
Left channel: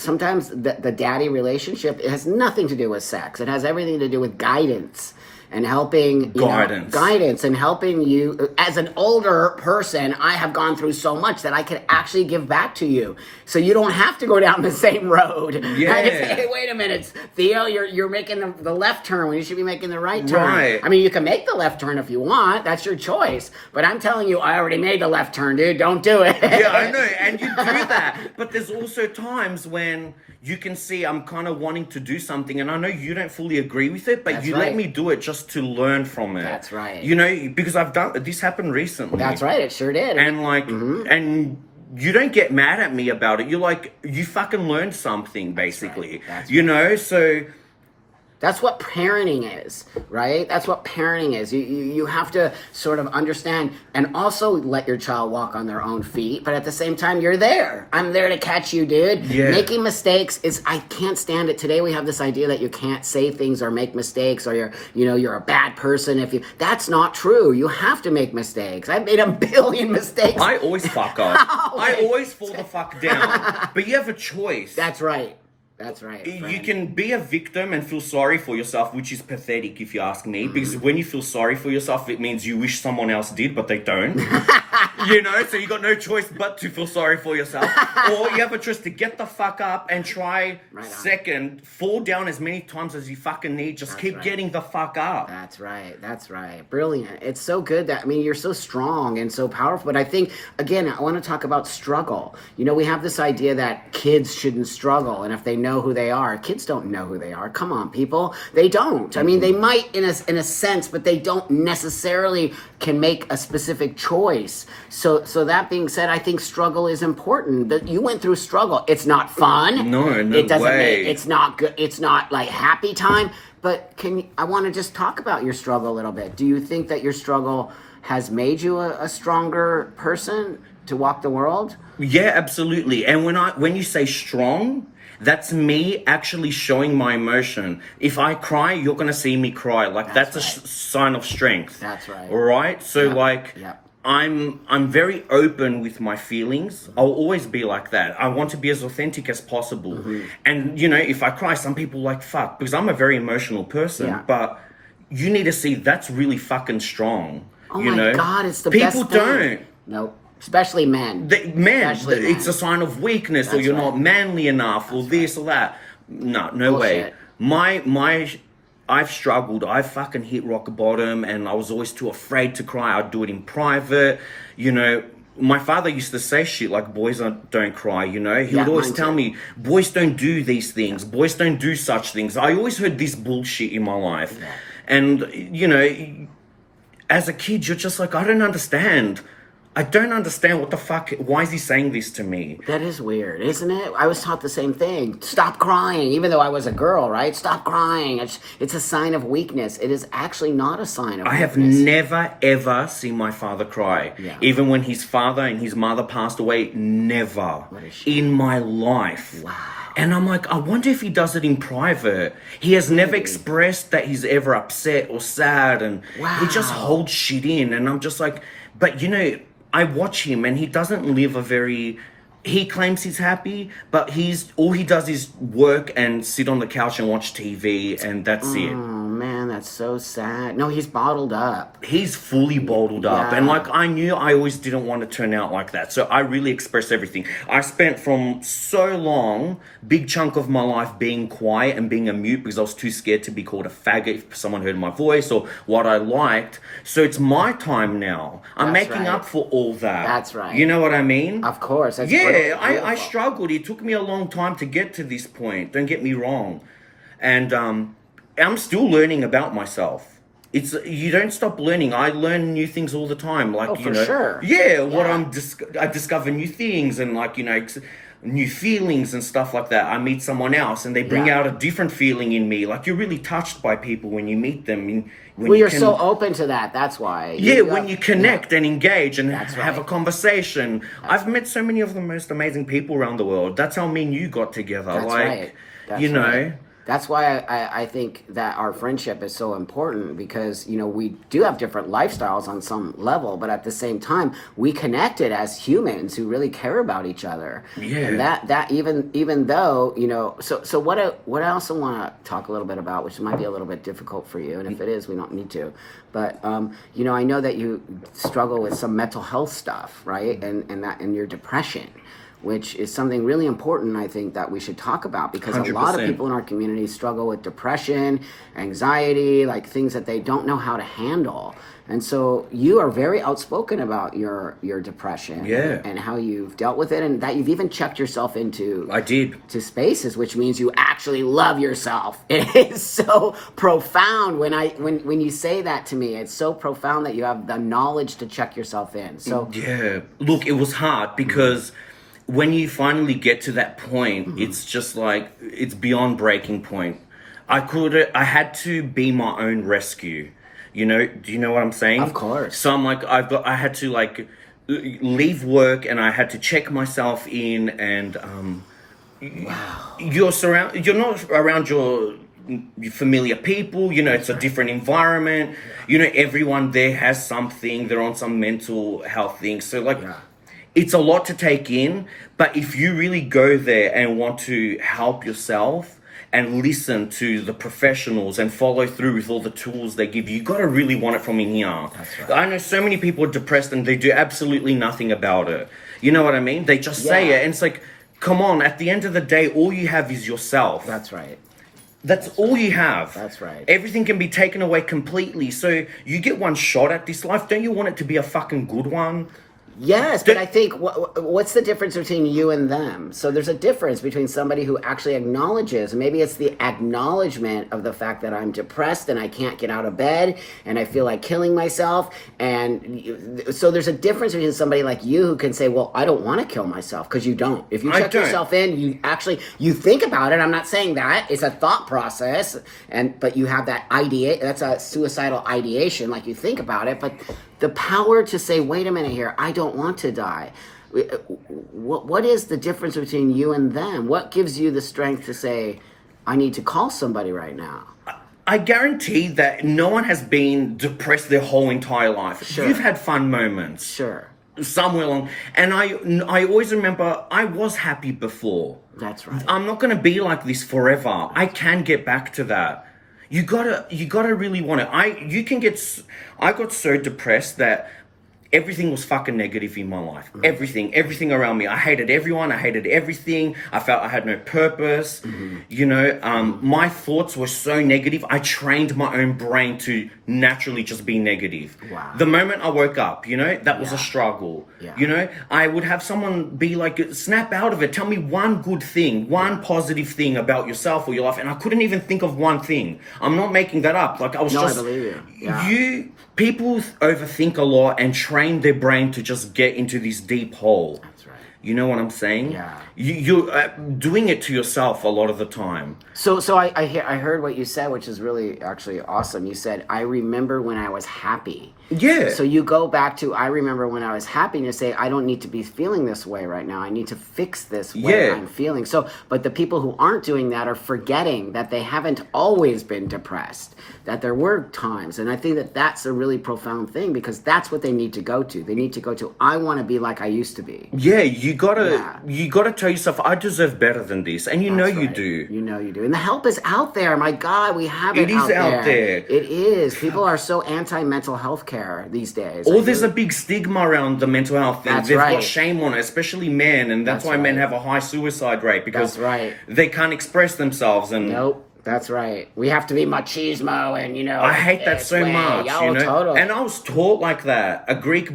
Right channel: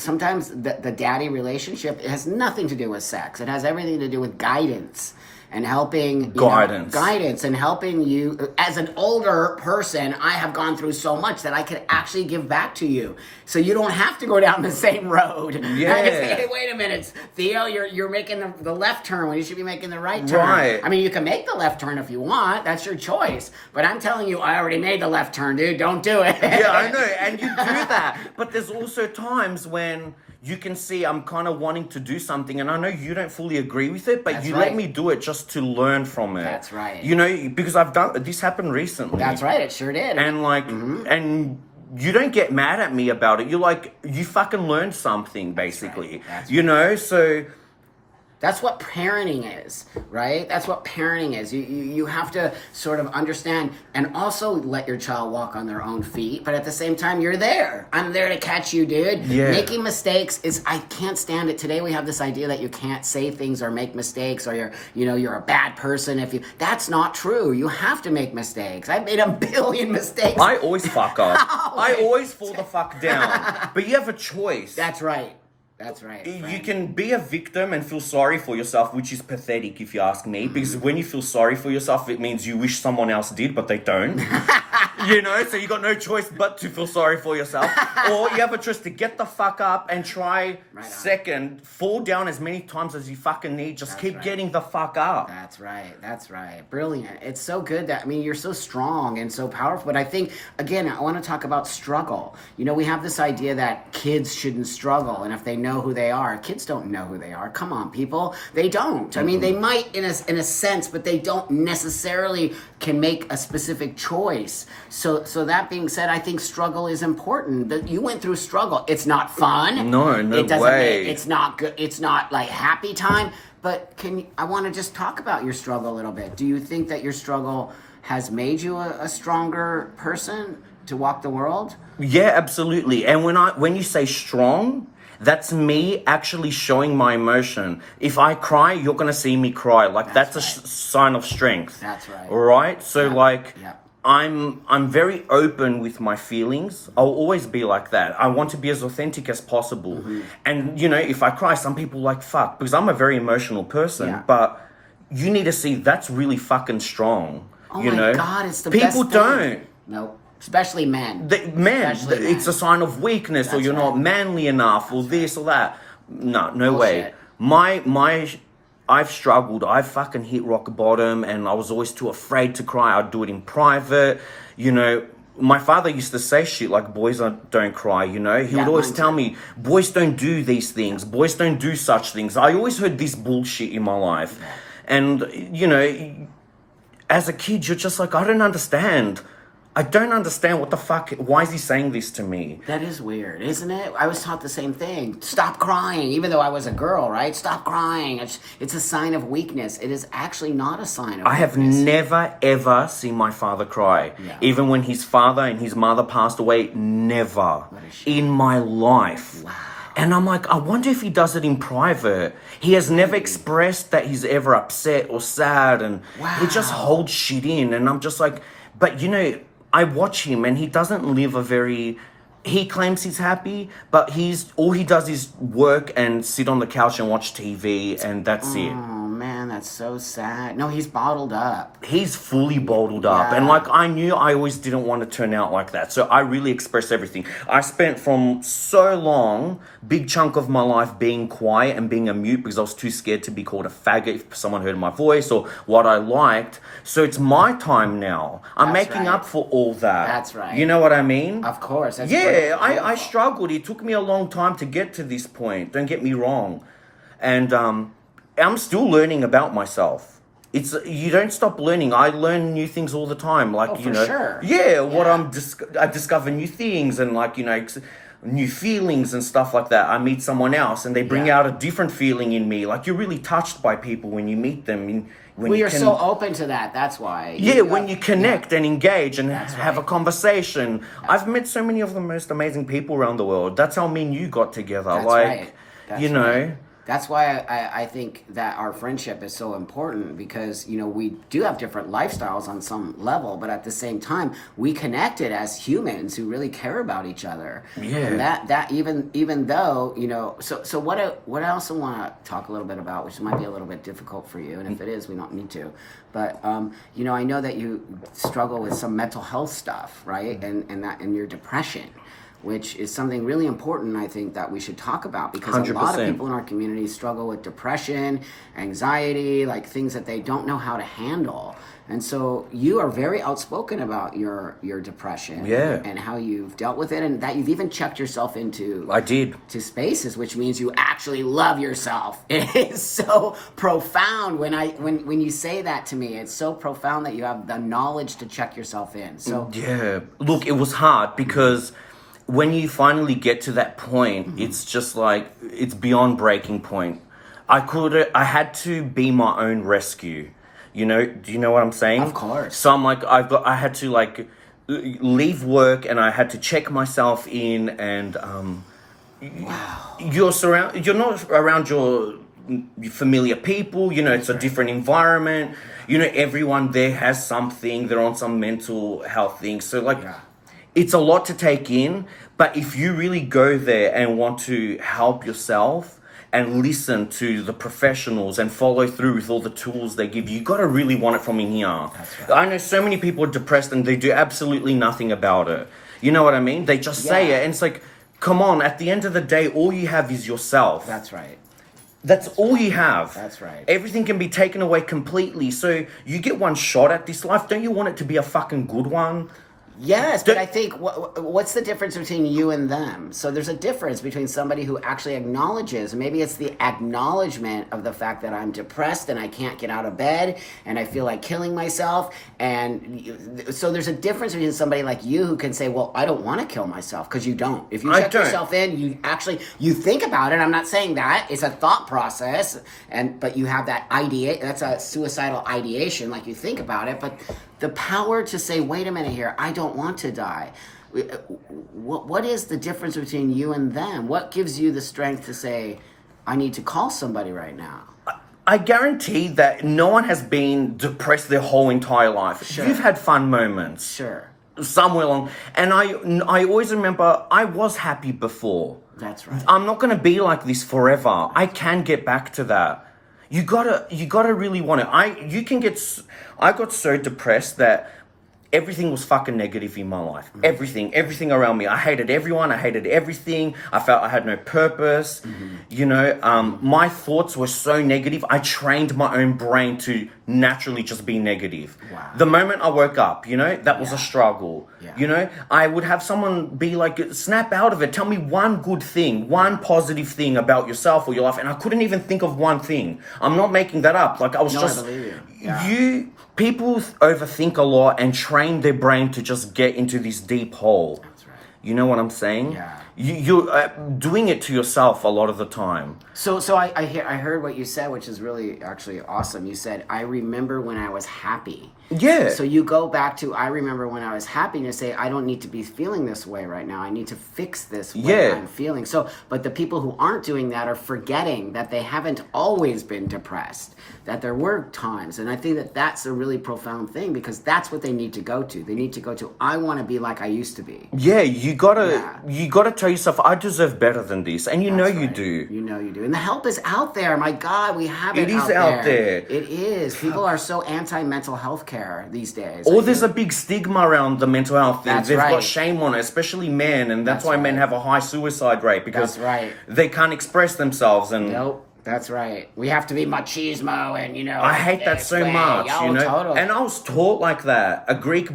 Sometimes the daddy relationship, it has nothing to do with sex. It has everything to do with guidance and helping guidance and helping you. As an older person, I have gone through so much that I could actually give back to you, so you don't have to go down the same road. Yeah. I can say, hey, wait a minute, Theo, you're making the left turn when you should be making the right turn. Right. I mean, you can make the left turn if you want. That's your choice. But I'm telling you, I already made the left turn, dude. Don't do it. Yeah, I know, and you do that. But there's also times when you can see I'm kind of wanting to do something, and I know you don't fully agree with it, but let me do it just to learn from it. That's right. Because this happened recently. That's right, it sure did. And and you don't get mad at me about it. You're like, you fucking learned something, basically. That's right. So that's what parenting is, right? That's what parenting is. You have to sort of understand and also let your child walk on their own feet, but at the same time, you're there. I'm there to catch you, dude. Yeah. Making mistakes I can't stand it. Today we have this idea that you can't say things or make mistakes, or you're a bad person that's not true. You have to make mistakes. I've made a billion mistakes. I always fuck up. I always fall the fuck down. But you have a choice. That's right. That's right. You can be a victim and feel sorry for yourself, which is pathetic if you ask me, because when you feel sorry for yourself, it means you wish someone else did, but they don't. So you got no choice but to feel sorry for yourself. Or you have a choice to get the fuck up and try second, fall down as many times as you fucking need. Just keep getting the fuck up. That's right. That's right. Brilliant. It's so good you're so strong and so powerful. But I think, again, I want to talk about struggle. We have this idea that kids shouldn't struggle, and if they know who they are. Kids don't know who they are. Come on, people. They don't. I mean, they might in a sense, but they don't necessarily can make a specific choice. So that being said, I think struggle is important. That you went through struggle. It's not fun. No it doesn't way. It's not good. It's not like happy time. But I want to just talk about your struggle a little bit. Do you think that your struggle has made you a stronger person to walk the world? Yeah, absolutely. And when you say strong, that's me actually showing my emotion. If I cry, you're going to see me cry. That's a sign of strength. That's right. All right? So I'm very open with my feelings. I'll always be like that. I want to be as authentic as possible. Mm-hmm. And if I cry, some people like fuck, because I'm a very emotional person, but you need to see that's really fucking strong. Oh my God, it's the people best thing. People don't. Nope. Especially men. It's a sign of weakness. That's or you're not manly enough, or this or that. No way. I've struggled. I fucking hit rock bottom, and I was always too afraid to cry. I'd do it in private. My father used to say shit like, boys don't cry, He would always tell me, boys don't do these things. Boys don't do such things. I always heard this bullshit in my life. Yeah. And, as a kid, you're just like, I don't understand. I don't understand what the fuck. Why is he saying this to me? That is weird, isn't it? I was taught the same thing. Stop crying, even though I was a girl, right? Stop crying. It's a sign of weakness. It is actually not a sign of weakness. I have never, ever seen my father cry. Yeah. Even when his father and his mother passed away, never in my life. Wow. And I'm like, I wonder if he does it in private. He has never expressed that he's ever upset or sad, and he just holds shit in. And I'm just like, but I watch him and he doesn't live he claims he's happy, but all he does is work and sit on the couch and watch TV, and that's it. Oh man, that's so sad. No, he's bottled up. He's fully bottled up. And I knew I always didn't want to turn out like that. So I really expressed everything. I spent from so long, big chunk of my life being quiet and being a mute because I was too scared to be called a faggot if someone heard my voice or what I liked. So it's my time now. I'm making up for all that. That's right. You know what I mean? Of course. That's I struggled. It took me a long time to get to this point. Don't get me wrong. And I'm still learning about myself. You don't stop learning. I learn new things all the time. Sure. Yeah, what I discover new things, and new feelings and stuff like that. I meet someone else and they bring Yeah. out a different feeling in me. Like, you're really touched by people when you meet them. When Well, you you're so open to that. That's why. when you connect and engage and have a right. conversation. I've met so many of the most amazing people around the world. That's how me and you got together. That's like, right. That's you know. right. That's why I think that our friendship is so important, because, you know, we do have different lifestyles on some level, but at the same time, we connected as humans who really care about each other. Yeah. And that even though, you know, so what I also want to talk a little bit about, which might be a little bit difficult for you, and if it is, we don't need to. But you know, I know that you struggle with some mental health stuff, right? And your depression, which is something really important, I think, that we should talk about, because 100%. a lot of people in our community struggle with depression, anxiety, like things that they don't know how to handle. And so you are very outspoken about your depression and how you've dealt with it, and that you've even checked yourself into to spaces, which means you actually love yourself. It is so profound when you say that to me. It's so profound that you have the knowledge to check yourself in. So Look, it was hard because when you finally get to that point, it's just like, it's beyond breaking point. I had to be my own rescue. You know, do you know what I'm saying? Of course. So I'm like, I had to like leave work and I had to check myself in, and wow. you're not around your familiar people, you know, it's a different environment. You know, everyone there has something, they're on some mental health thing. So like, it's a lot to take in, but if you really go there and want to help yourself and listen to the professionals and follow through with all the tools they give you, you got to really want it from in here. That's right. I know so many people are depressed and they do absolutely nothing about it. You know what I mean? They just say it, and it's like, come on, at the end of the day, all you have is yourself. That's right. That's all you have. That's right. Everything can be taken away completely. So you get one shot at this life. Don't you want it to be a fucking good one? Yes, but I think what's the difference between you and them? So there's a difference between somebody who actually acknowledges, maybe it's the acknowledgement of the fact that I'm depressed and I can't get out of bed and I feel like killing myself. And so there's a difference between somebody like you who can say, well, I don't want to kill myself, because you don't. If you check yourself in, you think about it. I'm not saying that. It's a thought process, but you have that idea. That's a suicidal ideation, like you think about it, but the power to say, wait a minute here, I don't want to die. What is the difference between you and them? What gives you the strength to say, I need to call somebody right now? I guarantee that no one has been depressed their whole entire life. Sure. You've had fun moments. Sure. Somewhere along. And I always remember I was happy before. That's right. I'm not going to be like this forever. I can get back to that. You gotta really want it. I got so depressed that everything was fucking negative in my life. Everything around me. I hated everyone. I hated everything. I felt I had no purpose. You know, my thoughts were so negative. I trained my own brain to naturally just be negative. Wow. The moment I woke up, you know, that was a struggle. Yeah. You know, I would have someone be like, snap out of it. Tell me one good thing, one positive thing about yourself or your life. And I couldn't even think of one thing. I'm not making that up. Like, I was I believe you. Yeah. People overthink a lot and train their brain to just get into this deep hole. That's right. You know what I'm saying? Yeah. You're doing it to yourself a lot of the time. So I heard what you said, which is really actually awesome. You said, I remember when I was happy. Yeah. So you go back to, I remember when I was happy, and you say, I don't need to be feeling this way right now. I need to fix this way I'm feeling. So, but the people who aren't doing that are forgetting that they haven't always been depressed, that there were times. And I think that that's a really profound thing, because that's what they need to go to. They need to go to, I want to be like I used to be. Yeah, you gotta tell yourself, I deserve better than this. And you know you do. You know you do. And the help is out there. My God, we have it It is out there. It is. People are so anti-mental health care these days. There's a big stigma around the mental health thing. They've got shame on it, especially men, and that's why men have a high suicide rate, because they can't express themselves. And nope. That's right. We have to be machismo, and you know. I hate that so much. Yo, you know, totally. and I was taught like that. A Greek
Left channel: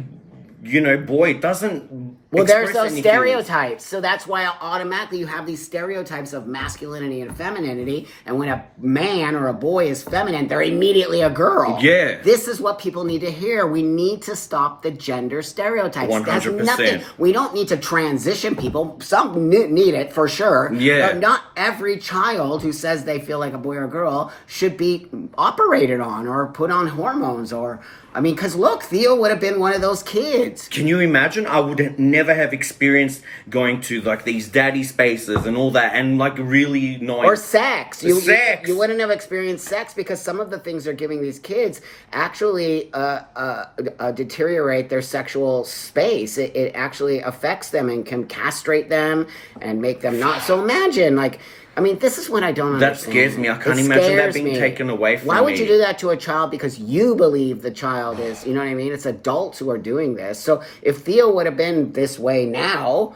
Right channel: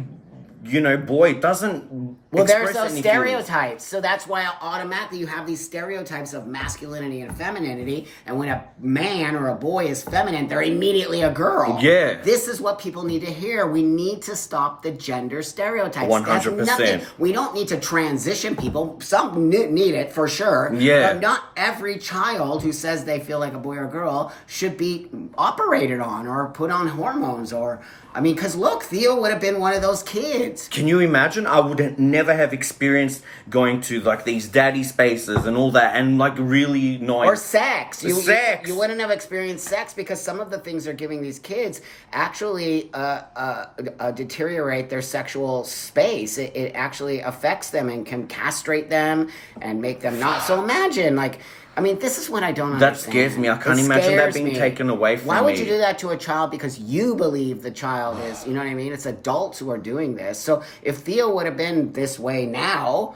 boy doesn't. Well, there's express those any stereotypes. So that's why automatically you have these stereotypes of masculinity and femininity. And when a man or a boy is feminine, they're immediately a girl. Yeah. This is what people need to hear. We need to stop the gender stereotypes. 100%. That's nothing. We don't need to transition people. Some need it for sure. Yeah. But not every child who says they feel like a boy or a girl should be operated on or put on hormones or... I mean, because look, Theo would have been one of those kids. Can you imagine? I would never have experienced going to like these daddy spaces and all that, and like really knowing or sex. You wouldn't have experienced sex because some of the things they're giving these kids actually deteriorate their sexual space. It actually affects them and can castrate them and make them not. So imagine like. I mean, this is what I don't understand. That scares me. I can't imagine that being taken away from me. Why would you do that to a child because you believe the child is, you know what I mean? It's adults who are doing this. So if Theo would have been this way now,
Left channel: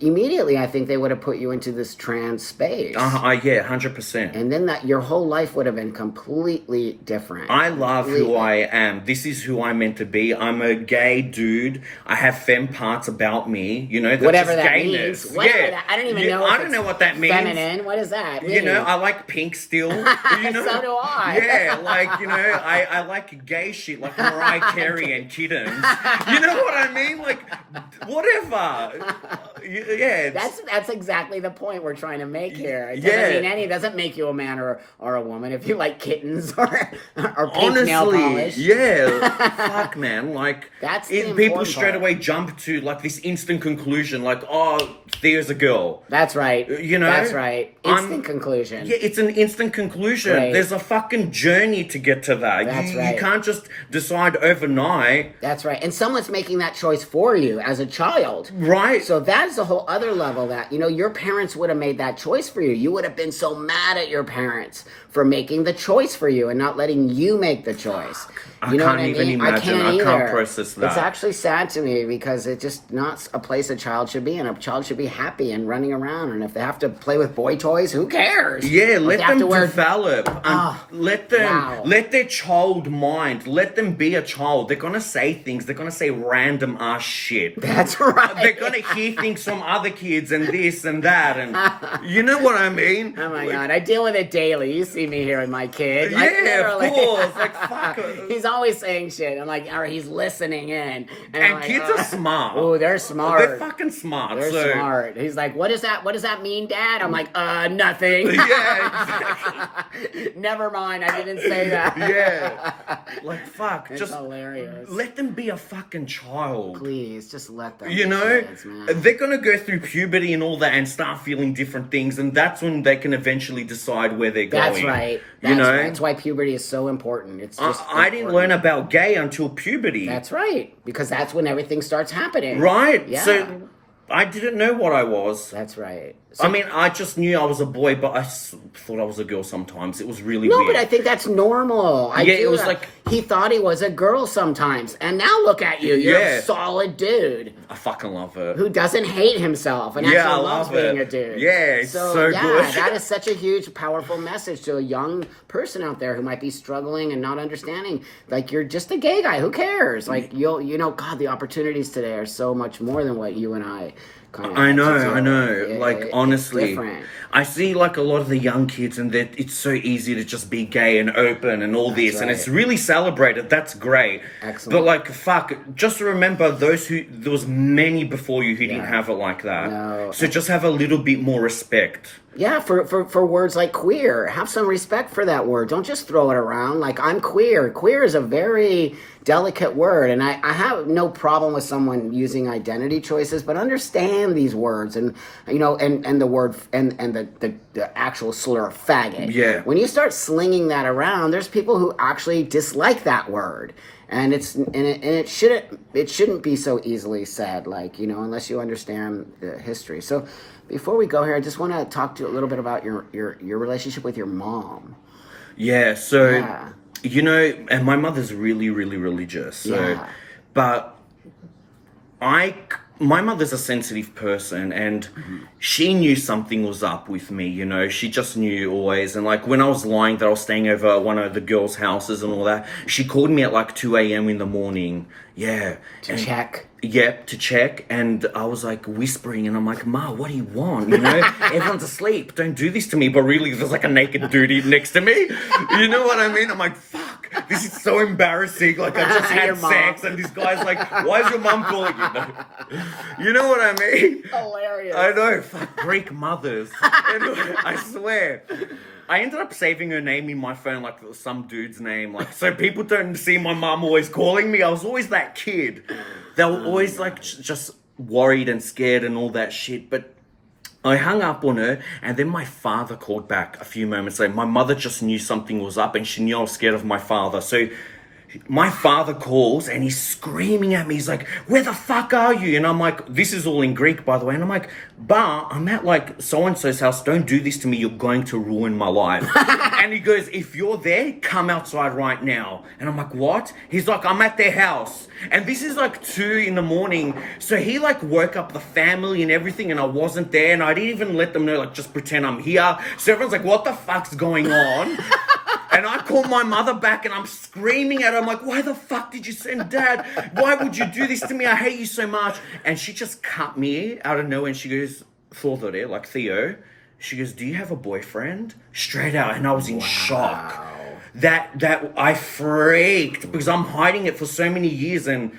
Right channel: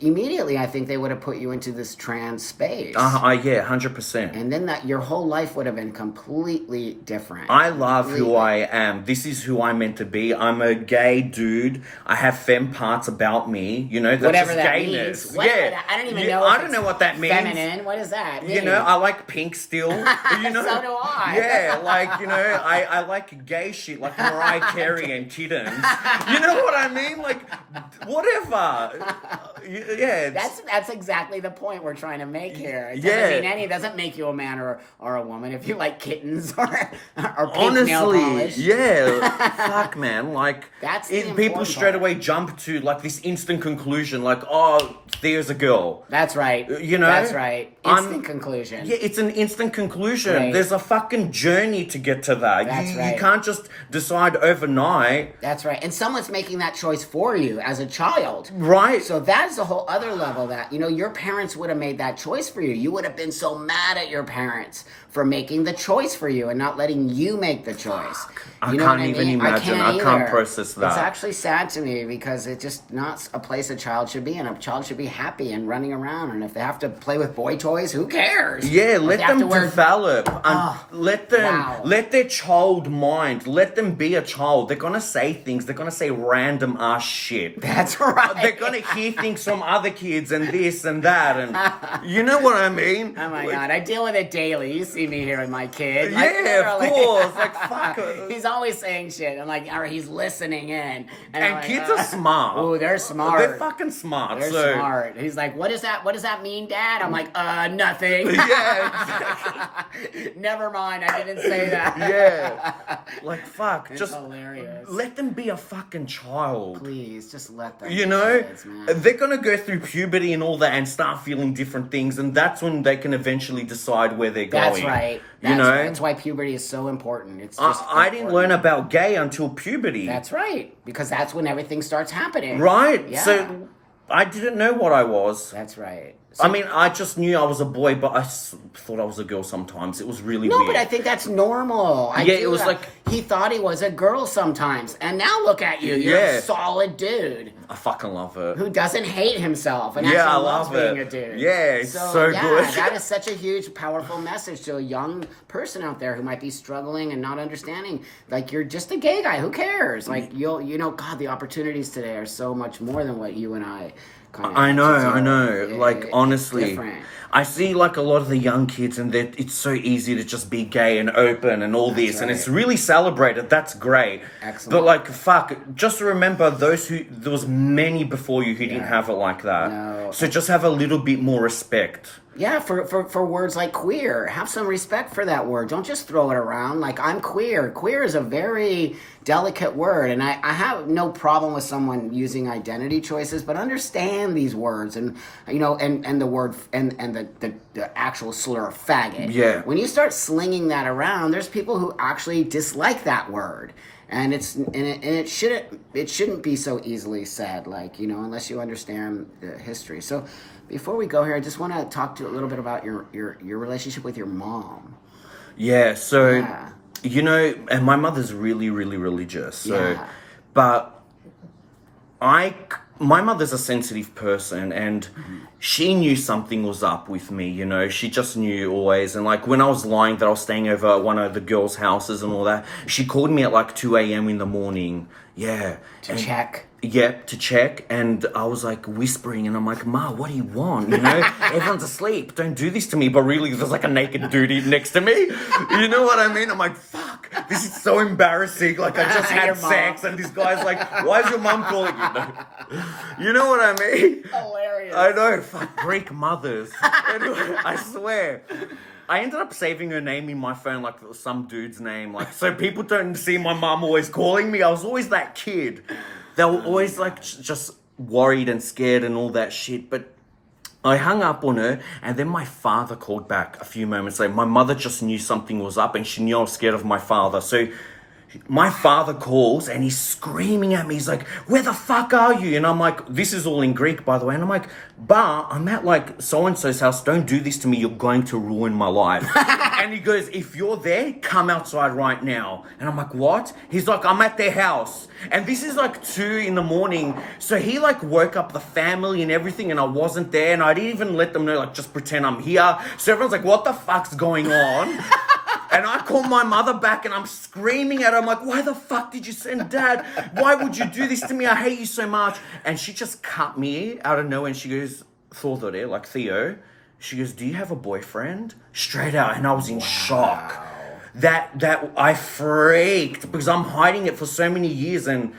immediately I think they would have put you into this trans space. Yeah, 100%. And then that your whole life would have been completely different. I love who I am. This is who I'm meant to be. I'm a gay dude. I have femme parts about me. That's whatever just that gayness. means. Whatever that, I don't even know. I don't know what that means. Feminine. What does that mean? I like pink still. So do I. Yeah, I like gay shit like Mariah Carey and kittens. You know what I mean? Like, whatever. Yeah, that's exactly the point we're trying to make here. It doesn't make you a man or a woman if you like kittens or pink nail polish. Yeah, fuck, man. Like that's the people straight away jump to like this instant conclusion, like, oh, Theo's a girl. That's right. That's right. Instant conclusion. Yeah, it's an instant conclusion. Right. There's a fucking journey to get to that. That's right. You can't just decide overnight. That's right. And someone's making that choice for you as a child. Right. So that's a whole other level that, your parents would have made that choice for you. You would have been so mad at your parents for making the choice for you and not letting you make the choice. I can't even imagine. I can't process that. It's actually sad to me because it's just not a place a child should be in. A child should be happy and running around. And if they have to play with boy toys, who cares? Yeah, let them develop. Let their child mind. Let them be a child. They're gonna say things. They're gonna say random ass shit. That's right. They're gonna hear things from other kids and this and that, and you know what I mean. Oh my god, I deal with it daily. You see me here with my kid. Like, yeah, literally. Of course. Like fuck. He's always saying shit. I'm like, or he's listening in. And kids are smart. Oh, they're smart. They're fucking smart. They're smart. He's like, what is that? What does that mean, Dad? I'm like, nothing. Yeah, exactly. Never mind. I didn't say that. Yeah. Like fuck. It's just hilarious. Let them be a fucking child. Please, just let them. Kids, they're gonna go through puberty and all that and start feeling different things, and that's when they can eventually decide where they're going. That's right. That's why puberty is so important. It's just I didn't learn about gay until puberty. That's right, because that's when everything starts happening. Right. Yeah. So I didn't know what I was. That's right. So, I mean, I just knew I was a boy, but I thought I was a girl sometimes. It was really weird. No, but I think that's normal. It was like... He thought he was a girl sometimes. And now look at you. You're a solid dude. I fucking love it. Who doesn't hate himself and actually loves being a dude. Yeah, it's so good. That is such a huge, powerful message to a young person out there who might be struggling and not understanding. Like, you're just a gay guy. Who cares? Like, God, the opportunities today are so much more than what you and I... I know. Like, honestly, different. I see like a lot of the young kids, and it's so easy to just be gay and open and all this, and it's really celebrated. That's great. Excellent. But like, fuck, just remember there was many before you who didn't have it like that. No. So just have a little bit more respect. Yeah, for words like queer. Have some respect for that word. Don't just throw it around like I'm queer. Queer is a very delicate word, and I have no problem with someone using identity choices, but understand these words and and the word and the actual slur faggot. Yeah. When you start slinging that around, there's people who actually dislike that word. And it shouldn't be so easily said, like, unless you understand the history. So before we go here, I just want to talk to you a little bit about your relationship with your mom. Yeah, so, and my mother's really, really religious. So, but I my mother's a sensitive person, and she knew something was up with me, you know. She just knew always. And like when I was lying that I was staying over at one of the girls' houses and all that, she called me at like 2 a.m. in the morning. Yeah. To check. Yep, to check. And I was like whispering, and I'm like, Ma, what do you want? You know, everyone's asleep. Don't do this to me. But really, there's like a naked dude next to me. You know what I mean? I'm like, fuck, this is so embarrassing. Like, I just had sex, and this guy's like, why is your mom calling you? You know what I mean? Hilarious. I know, fuck, Greek mothers. I swear. I ended up saving her name in my phone, like some dude's name, like so people don't see my mom always calling me. I was always that kid. They were always like just worried and scared and all that shit. But I hung up on her, and then my father called back a few moments later. My mother just knew something was up, and she knew I was scared of my father. So my father calls, and he's screaming at me. He's like, where the fuck are you? And I'm like, this is all in Greek, by the way. And I'm like, Ba, I'm at like so-and-so's house. Don't do this to me. You're going to ruin my life. And he goes, if you're there, come outside right now. And I'm like, what? He's like, I'm at their house. And this is like 2 in the morning. So he like woke up the family and everything, and I wasn't there. And I didn't even let them know, like, just pretend I'm here. So everyone's like, what the fuck's going on? And I call my mother back, and I'm screaming at her. I'm like, why the fuck did you send Dad? Why would you do this to me? I hate you so much. And she just cut me out of nowhere, and she goes, Thorthore, like Theo. She goes, do you have a boyfriend? Straight out. And I was in shock. That I freaked because I'm hiding it for so many years. And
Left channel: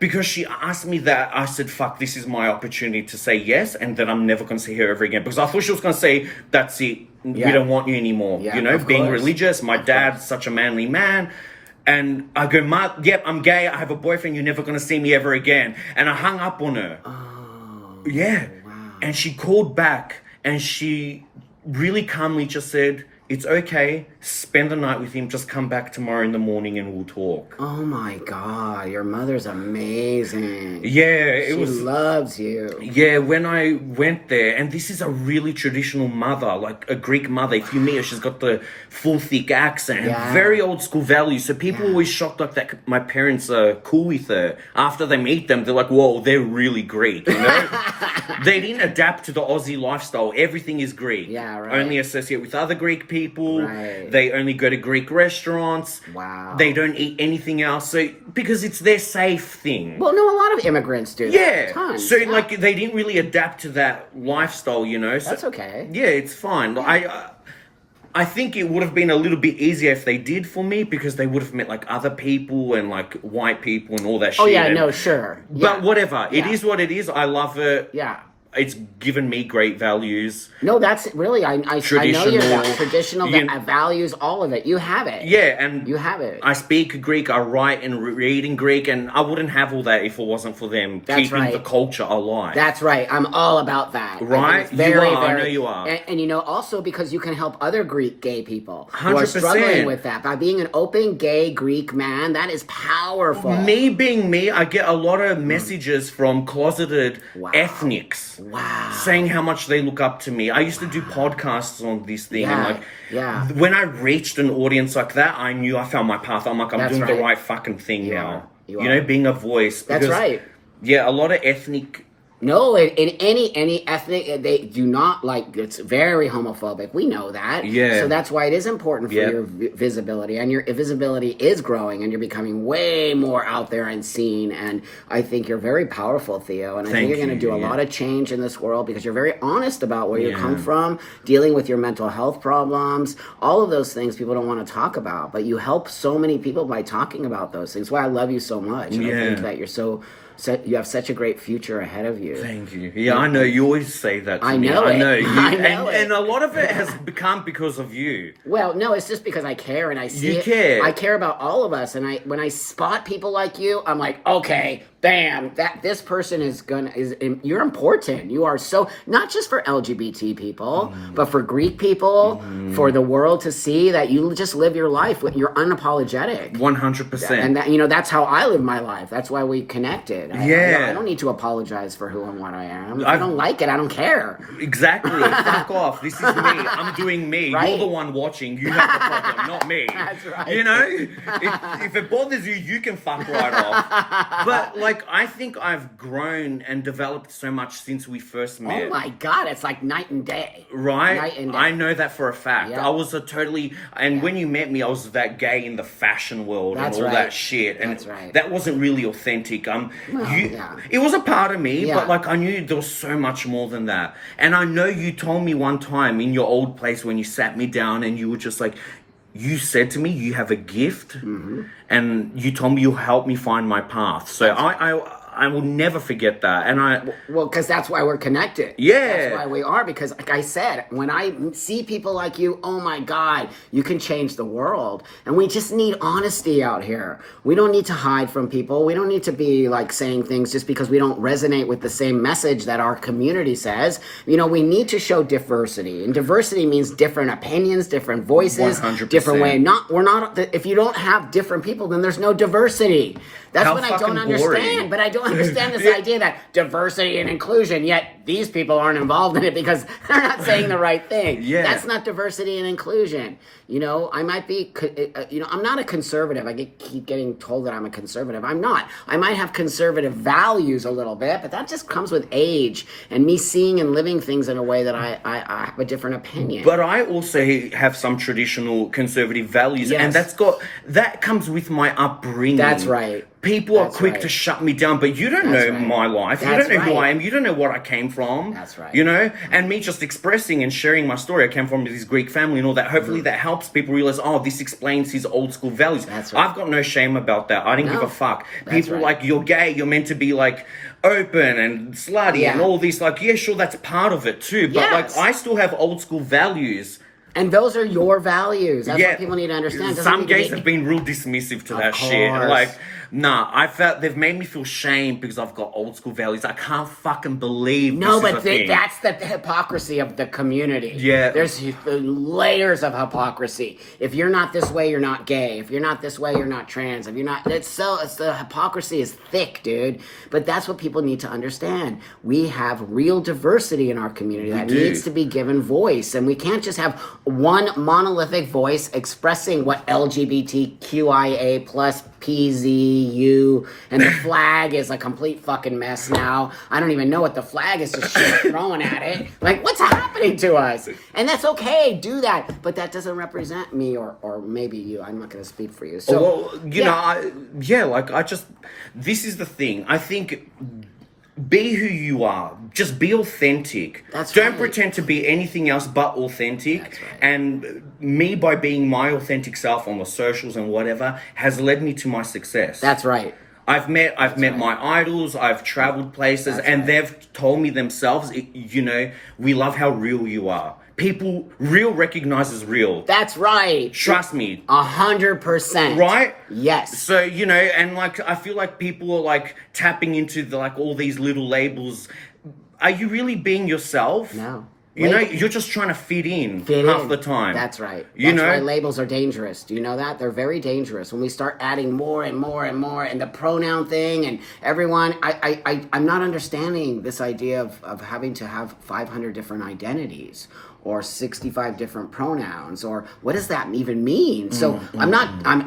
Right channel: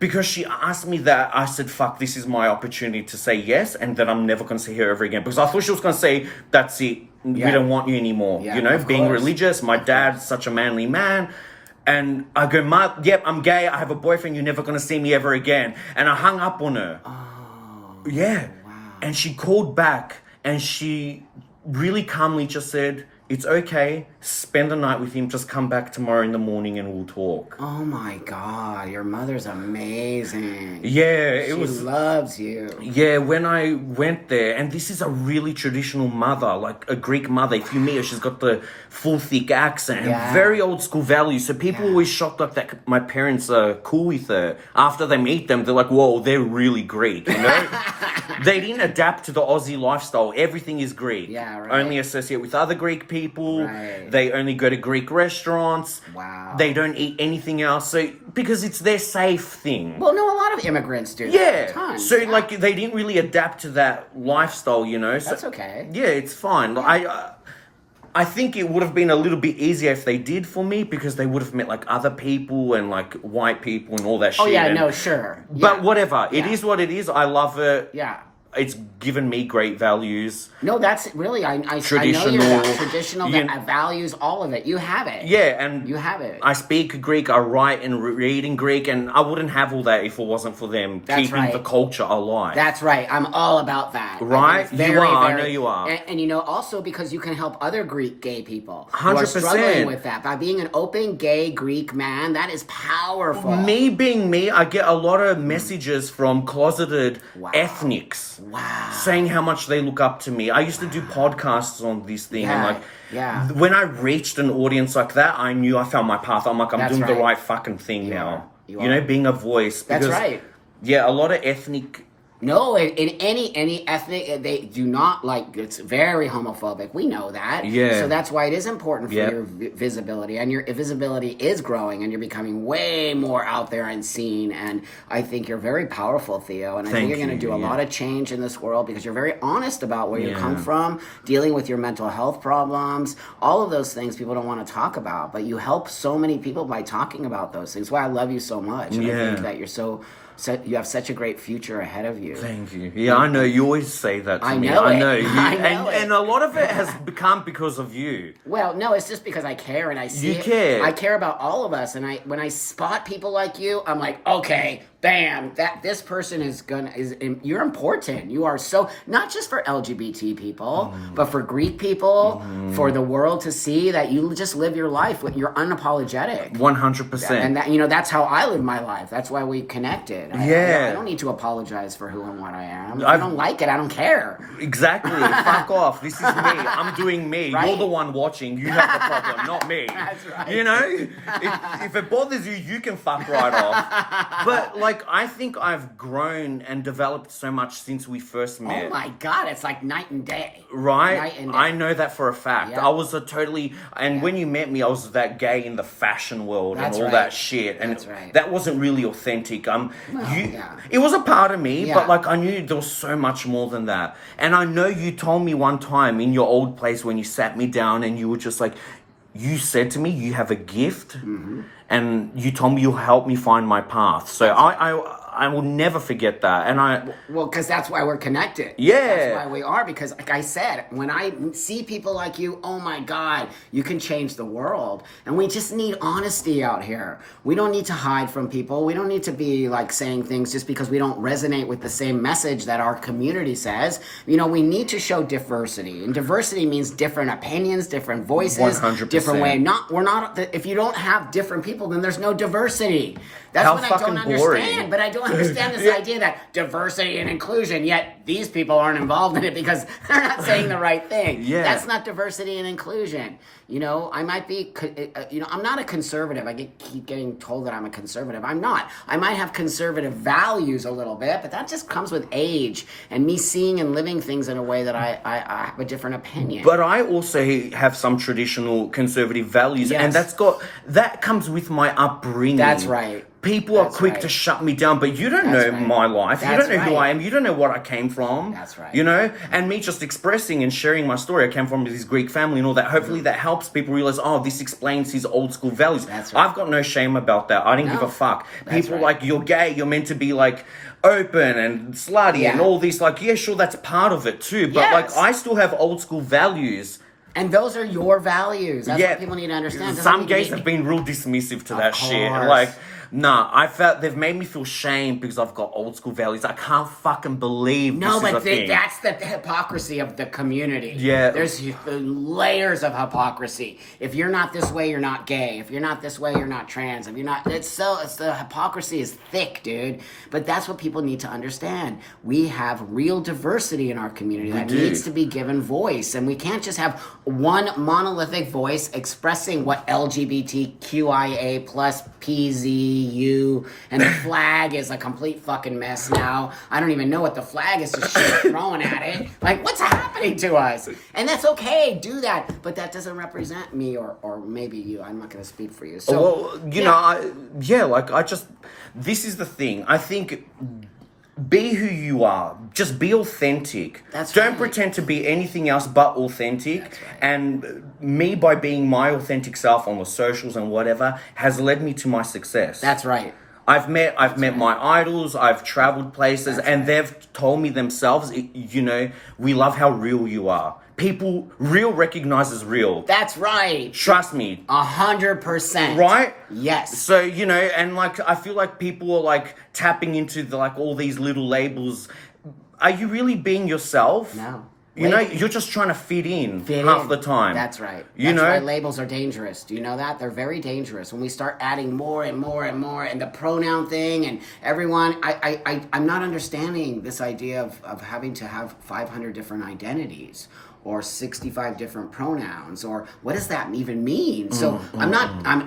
because she asked me that, I said, fuck, this is my opportunity to say yes, and that I'm never going to see her ever again. Because I thought she was going to say, that's it. We don't want you anymore. Yeah, you know, being religious. My dad's such a manly man. And I go, Ma, yep, I'm gay. I have a boyfriend. You're never going to see me ever again. And I hung up on her. Oh, yeah. Wow. And she called back, and she really calmly just said, it's okay. Spend the night with him. Just come back tomorrow in the morning and we'll talk. Oh my God, your mother's amazing. Yeah, she loves you. Yeah, when I went there, and this is a really traditional mother, like a Greek mother. If you meet her, she's got the full thick accent and very old school values. So people are always shocked like that. My parents are cool with her. After they meet them, they're like, whoa, they're really Greek, you know? They didn't adapt to the Aussie lifestyle. Everything is Greek. Yeah, right. Only associate with other Greek people. Right. They only go to Greek restaurants. Wow. They don't eat anything else. So because it's their safe thing. Well, no, a lot of immigrants do. Yeah. Tons. So like they didn't really adapt to that lifestyle, you know. So, that's okay. Yeah, it's fine. I think it would have been a little bit easier if they did for me, because they would have met like other people and like white people and all that shit. Oh yeah, no, sure. But whatever. It is what it is. I love it. Yeah. It's given me great values. No, that's really, I know you're traditional, values, all of it. You have it. Yeah, and you have it. I speak Greek, I write and read in Greek, and I wouldn't have all that if it wasn't for them keeping the culture alive. That's right. I'm all about that. Right? Very, I know you are. And you know, also because you can help other Greek gay people 100%. who are struggling with that. By being an open gay Greek man, that is powerful. Me being me, I get a lot of messages from closeted ethnics. Wow. Saying how much they look up to me. I used to do podcasts on this thing. Yeah. And when I reached an audience like that, I knew I found my path. I'm like, I'm doing the right fucking thing now. You know, being a voice. Because, that's right. Yeah, a lot of ethnic... No, in any ethnic, they do not like, it's very homophobic. We know that. Yeah. So that's why it is important for your visibility. And your visibility is growing, and you're becoming way more out there and seen. And I think you're very powerful, Theo. And I think you're going to do a lot of change in this world, because you're very honest about where you come from, dealing with your mental health problems, all of those things people don't want to talk about. But you help so many people by talking about those things. Why I love you so much. And I think that you're you have such a great future ahead of you. Thank you. Yeah, I know. You always say that to me. I know I it. know. I know and a lot of it has become because of you. Well, no, it's just because I care and I see it. Care. I care about all of us. And when I spot people like you, I'm like, okay, bam, this person you're important. You are so, not just for LGBT people, but for Greek people, for the world to see that you just live your life. You're unapologetic. 100%. And that's how I live my life. That's why we connected. I don't need to apologize for who and what I am. If I don't like it, I don't care. Exactly. Fuck off. This is me. I'm doing me. Right? You're the one watching. You have the problem, not me. That's right. You know? If it bothers you, you can fuck right off. But like, like, I think I've grown and developed so much since we first met. Oh my God, it's like night and day. Right? Night and day. I know that for a fact. Yeah. I was a totally... And when you met me, I was that gay in the fashion world That's and all right. that shit. And That's right. that wasn't really authentic. Yeah. It was a part of me, Yeah. but, like, I knew there was so much more than that. And I know you told me one time in your old place when you sat me down and you were just like... You said to me, you have a gift, and you told me you'll help me find my path. So I will never forget that. And Well, because that's why we're connected. Yeah. That's why we are, because like I said, when I see people like you, oh my God, you can change the world. And we just need honesty out here. We don't need to hide from people. We don't need to be like saying things just because we don't resonate with the same message that our community says. You know, we need to show diversity. And diversity means different opinions, different voices, 100%. different way. If you don't have different people, then there's no diversity. That's what I don't understand. But I don't understand this idea that diversity and inclusion, yet these people aren't involved in it because they're not saying the right thing. Yeah. That's not diversity and inclusion. You know, I might be, I'm not a conservative. I keep getting told that I'm a conservative. I'm not. I might have conservative values a little bit, but that just comes with age and me seeing and living things in a way that I have a different opinion. But I also have some traditional conservative values, Yes. and that comes with my upbringing. That's right. People are quick right. to shut me down, but you don't That's know right. my life. That's you don't know who right. I am. You don't know what I came from. That's right. You know? And me just expressing and sharing my story. I came from this Greek family and all that. Hopefully that helps people realize, oh, this explains his old school values. That's right. I've got no shame about that. I didn't give a fuck. That's People right. like, you're gay, you're meant to be like open and slutty Yeah. and all this. Like, yeah, sure, that's part of it too. But Yes. like, I still have old school values. And those are your values. That's what people need to understand. Some gays have been real dismissive to that shit. course. Like, nah, I felt they've made me feel shame because I've got old school values. I can't fucking believe No, this but is a thing. that's the hypocrisy of the community. Yeah. There's layers of hypocrisy. If you're not this way, you're not gay. If you're not this way, you're not trans. If you're not, it's the hypocrisy is thick, dude. But that's what people need to understand. We have real diversity in our community that needs to be given voice. And we can't just have one monolithic voice expressing what LGBTQIA plus PZU, and the flag is a complete fucking mess now. I don't even know what the flag is, just shit thrown at it. Like, what's happening to us? And that's okay, do that. But that doesn't represent me or maybe you. I'm not going to speak for you. So, well, you know, this is the thing. I think be who you are. Just be authentic. Don't right. pretend to be anything else but authentic. That's right. And me, by being my authentic self on the socials and whatever, has led me to my success. That's right. I've met my idols, I've traveled places, and they've told me themselves, you know, we love how real you are. People, real recognizes real. That's right. Trust me. 100%. Right? Yes. So, you know, and like, I feel like people are like tapping into like all these little labels. Are you really being yourself? No. You know, you're just trying to fit in half the time. That's right. You know? That's why labels are dangerous. Do you know that? They're very dangerous. When we start adding more and more and more, and the pronoun thing, and everyone, I'm not understanding this idea of having to have 500 different identities, or 65 different pronouns, or what does that even mean? So I'm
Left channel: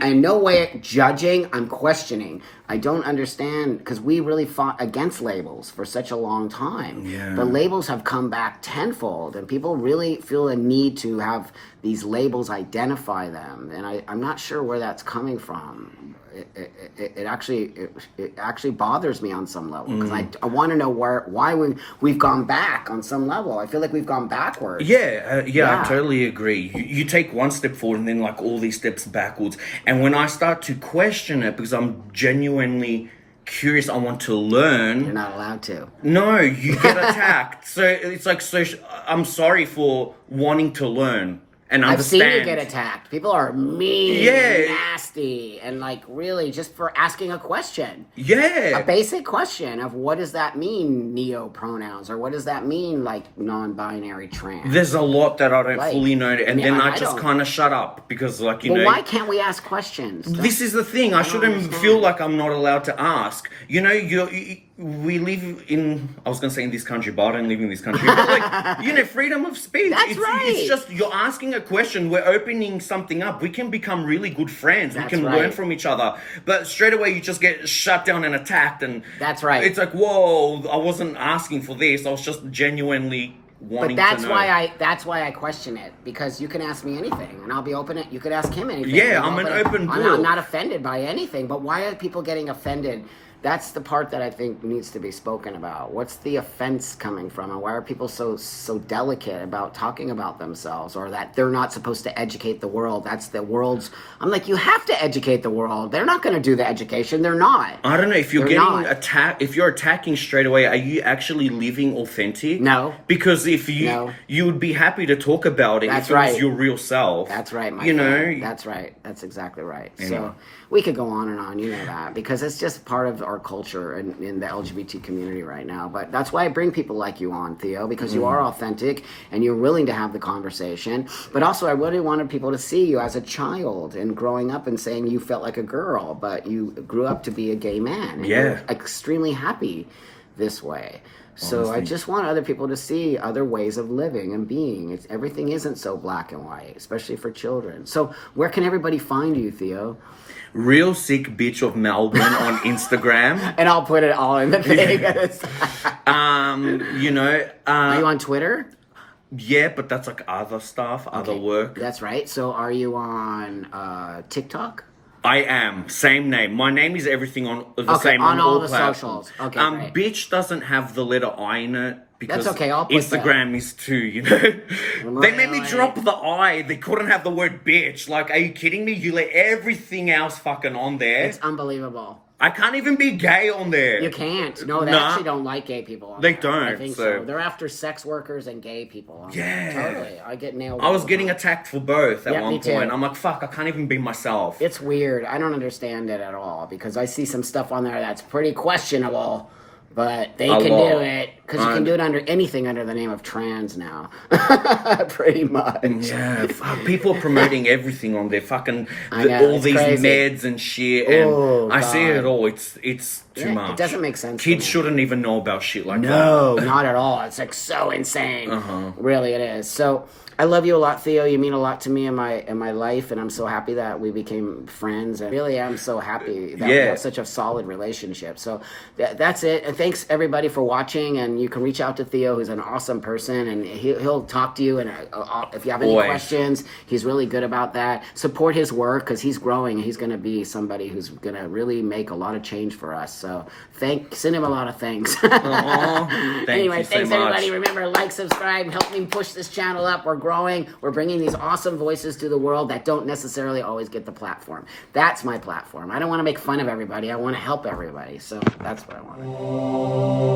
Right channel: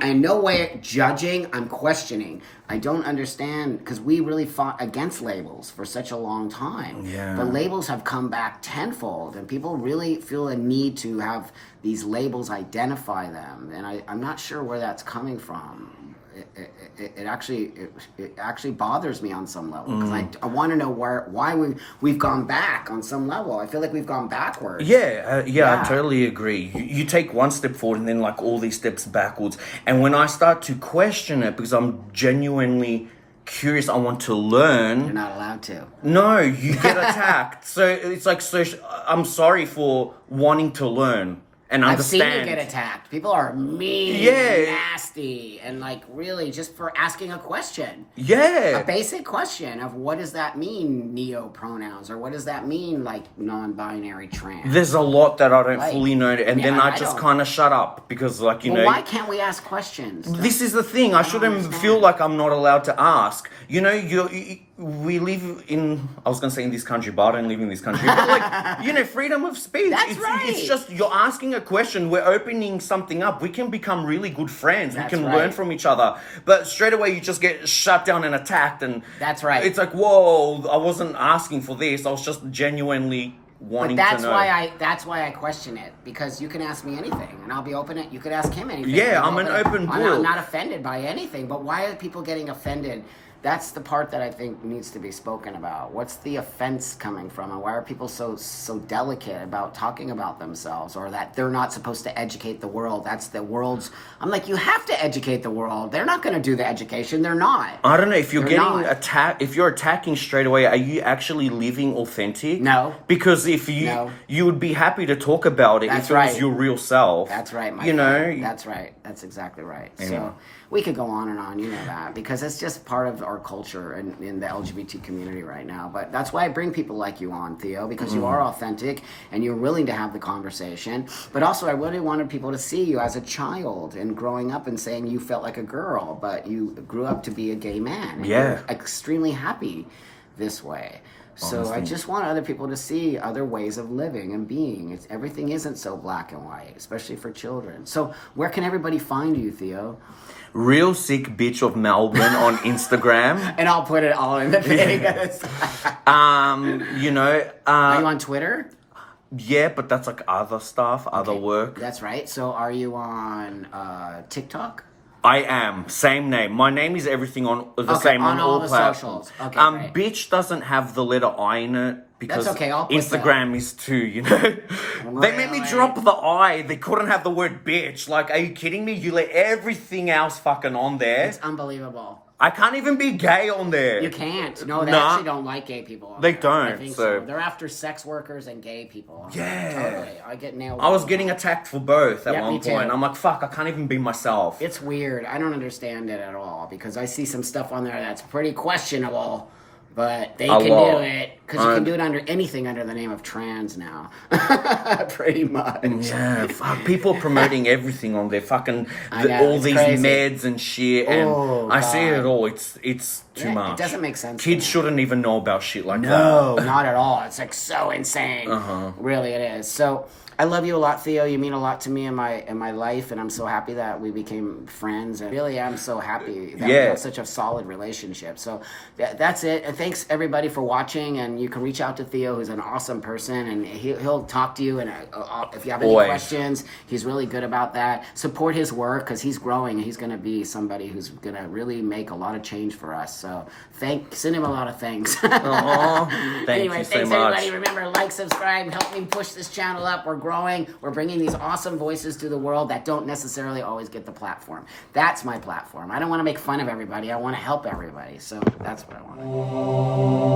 in no way judging, I'm questioning. I don't understand, because we really fought against labels for such a long time. Yeah. But labels have come back tenfold, and people really feel a need to have these labels identify them. And I'm not sure where that's coming from. It actually bothers me on some level, because I want to know why we've gone back on some level. I feel like we've gone backwards. Yeah, I totally agree. You take one step forward and then like all these steps backwards. And when I start to question it, because I'm genuinely curious, I want to learn. You're not allowed to. No, you get attacked. So it's like, I'm sorry for wanting to learn and I've understand. seen you get attacked. People are mean, and nasty, and like really just for asking a question. Yeah. A basic question of what does that mean, neo-pronouns, or what does that mean, like non-binary trans? There's a lot that I don't Right. fully know, and then I just don't. kind of shut up because, like, you know. Why can't we ask questions? This is the thing. I shouldn't understand. feel like I'm not allowed to ask. You know, we live in, I was going to say in this country, but I don't live in this country. But like, you know, freedom of speech. That's right. It's just, you're asking a question, we're opening something up. We can become really good friends. That's we can right. learn from each other. But straight away, you just get shut down and attacked. And That's right. It's like, whoa, I wasn't asking for this. I was just genuinely wanting But to know. that's why I question it, because you can ask me anything and I'll be open. You could ask him anything. Yeah, I'm an open book. I'm not offended by anything. But why are people getting offended? That's the part that I think needs to be spoken about. What's the offense coming from, and why are people so delicate about talking about themselves, or that they're not supposed to educate the world? That's the world's. I'm like, you have to educate the world. They're not going to do the education. They're not. I don't know if you're They're getting not. attacked. If you're attacking straight away, are you actually living authentic? No. Because if you No. you would be happy to talk about it That's if it right. was your real self. That's right, my You friend. know. That's right. That's exactly right. Yeah. So we could go on and on, you know that, because it's just part of our culture in the LGBT community right now. But that's why I bring people like you on, Theo, because you are authentic and you're willing to have the conversation. But also, I really wanted people to see you as a child and growing up and saying you felt like a girl, but you grew up to be a gay man. And Yeah. you're extremely happy this way. So I Honestly. just want other people to see other ways of living and being. Everything isn't so black and white, especially for children. So where can everybody find you, Theo? Real sick bitch of Melbourne on Instagram. And I'll put it all in the thing. You know. Are you on Twitter? Yeah, but that's like other stuff, other Okay. work. That's right. So are you on TikTok? I am. Same name. My name is everything on the Okay, same on all the platforms. socials. Okay, great. Bitch doesn't have the letter I in it because That's okay, I'll put Instagram is too, you know. They made me Really? drop the I. They couldn't have the word bitch. Like, are you kidding me? You let everything else fucking on there. It's unbelievable. I can't even be gay on there. You can't. No, they Nah. actually don't like gay people. on They there. don't, I think so- They're after sex workers and gay people. on Yeah. there. Totally. I get nailed. I all was the getting time. attacked for both at Yeah, one me too. point. I'm like, fuck, I can't even be myself. It's weird. I don't understand it at all, because I see some stuff on there that's pretty questionable, but they can lot. do it because you can do it under anything under the name of trans now. Pretty much. Yeah, fuck, people are promoting everything on there, fucking I know, all it's these crazy. meds and shit, and Oh, I see God. it all. It's too Yeah, much. it doesn't make sense to Kids me. shouldn't even know about shit like No, not at all. It's like so insane. Really, it is. So I love you a lot, Theo. You mean a lot to me in my life, and I'm so happy that we became friends. And really, I'm so happy that we Yeah. have such a solid relationship. So that's it. And thanks everybody for watching. And you can reach out to Theo, who's an awesome person, and he'll talk to you. And if you have any Always. questions, he's really good about that. Support his work, because he's growing and he's going to be somebody who's going to really make a lot of change for us. So send him a lot of thanks. Aw, thank Anyway, you so thanks much. everybody. Remember, like, subscribe, help me push this channel up. We're growing. We're bringing these awesome voices to the world that don't necessarily always get the platform. That's my platform. I don't want to make fun of everybody. I want to help everybody. So that's what I want.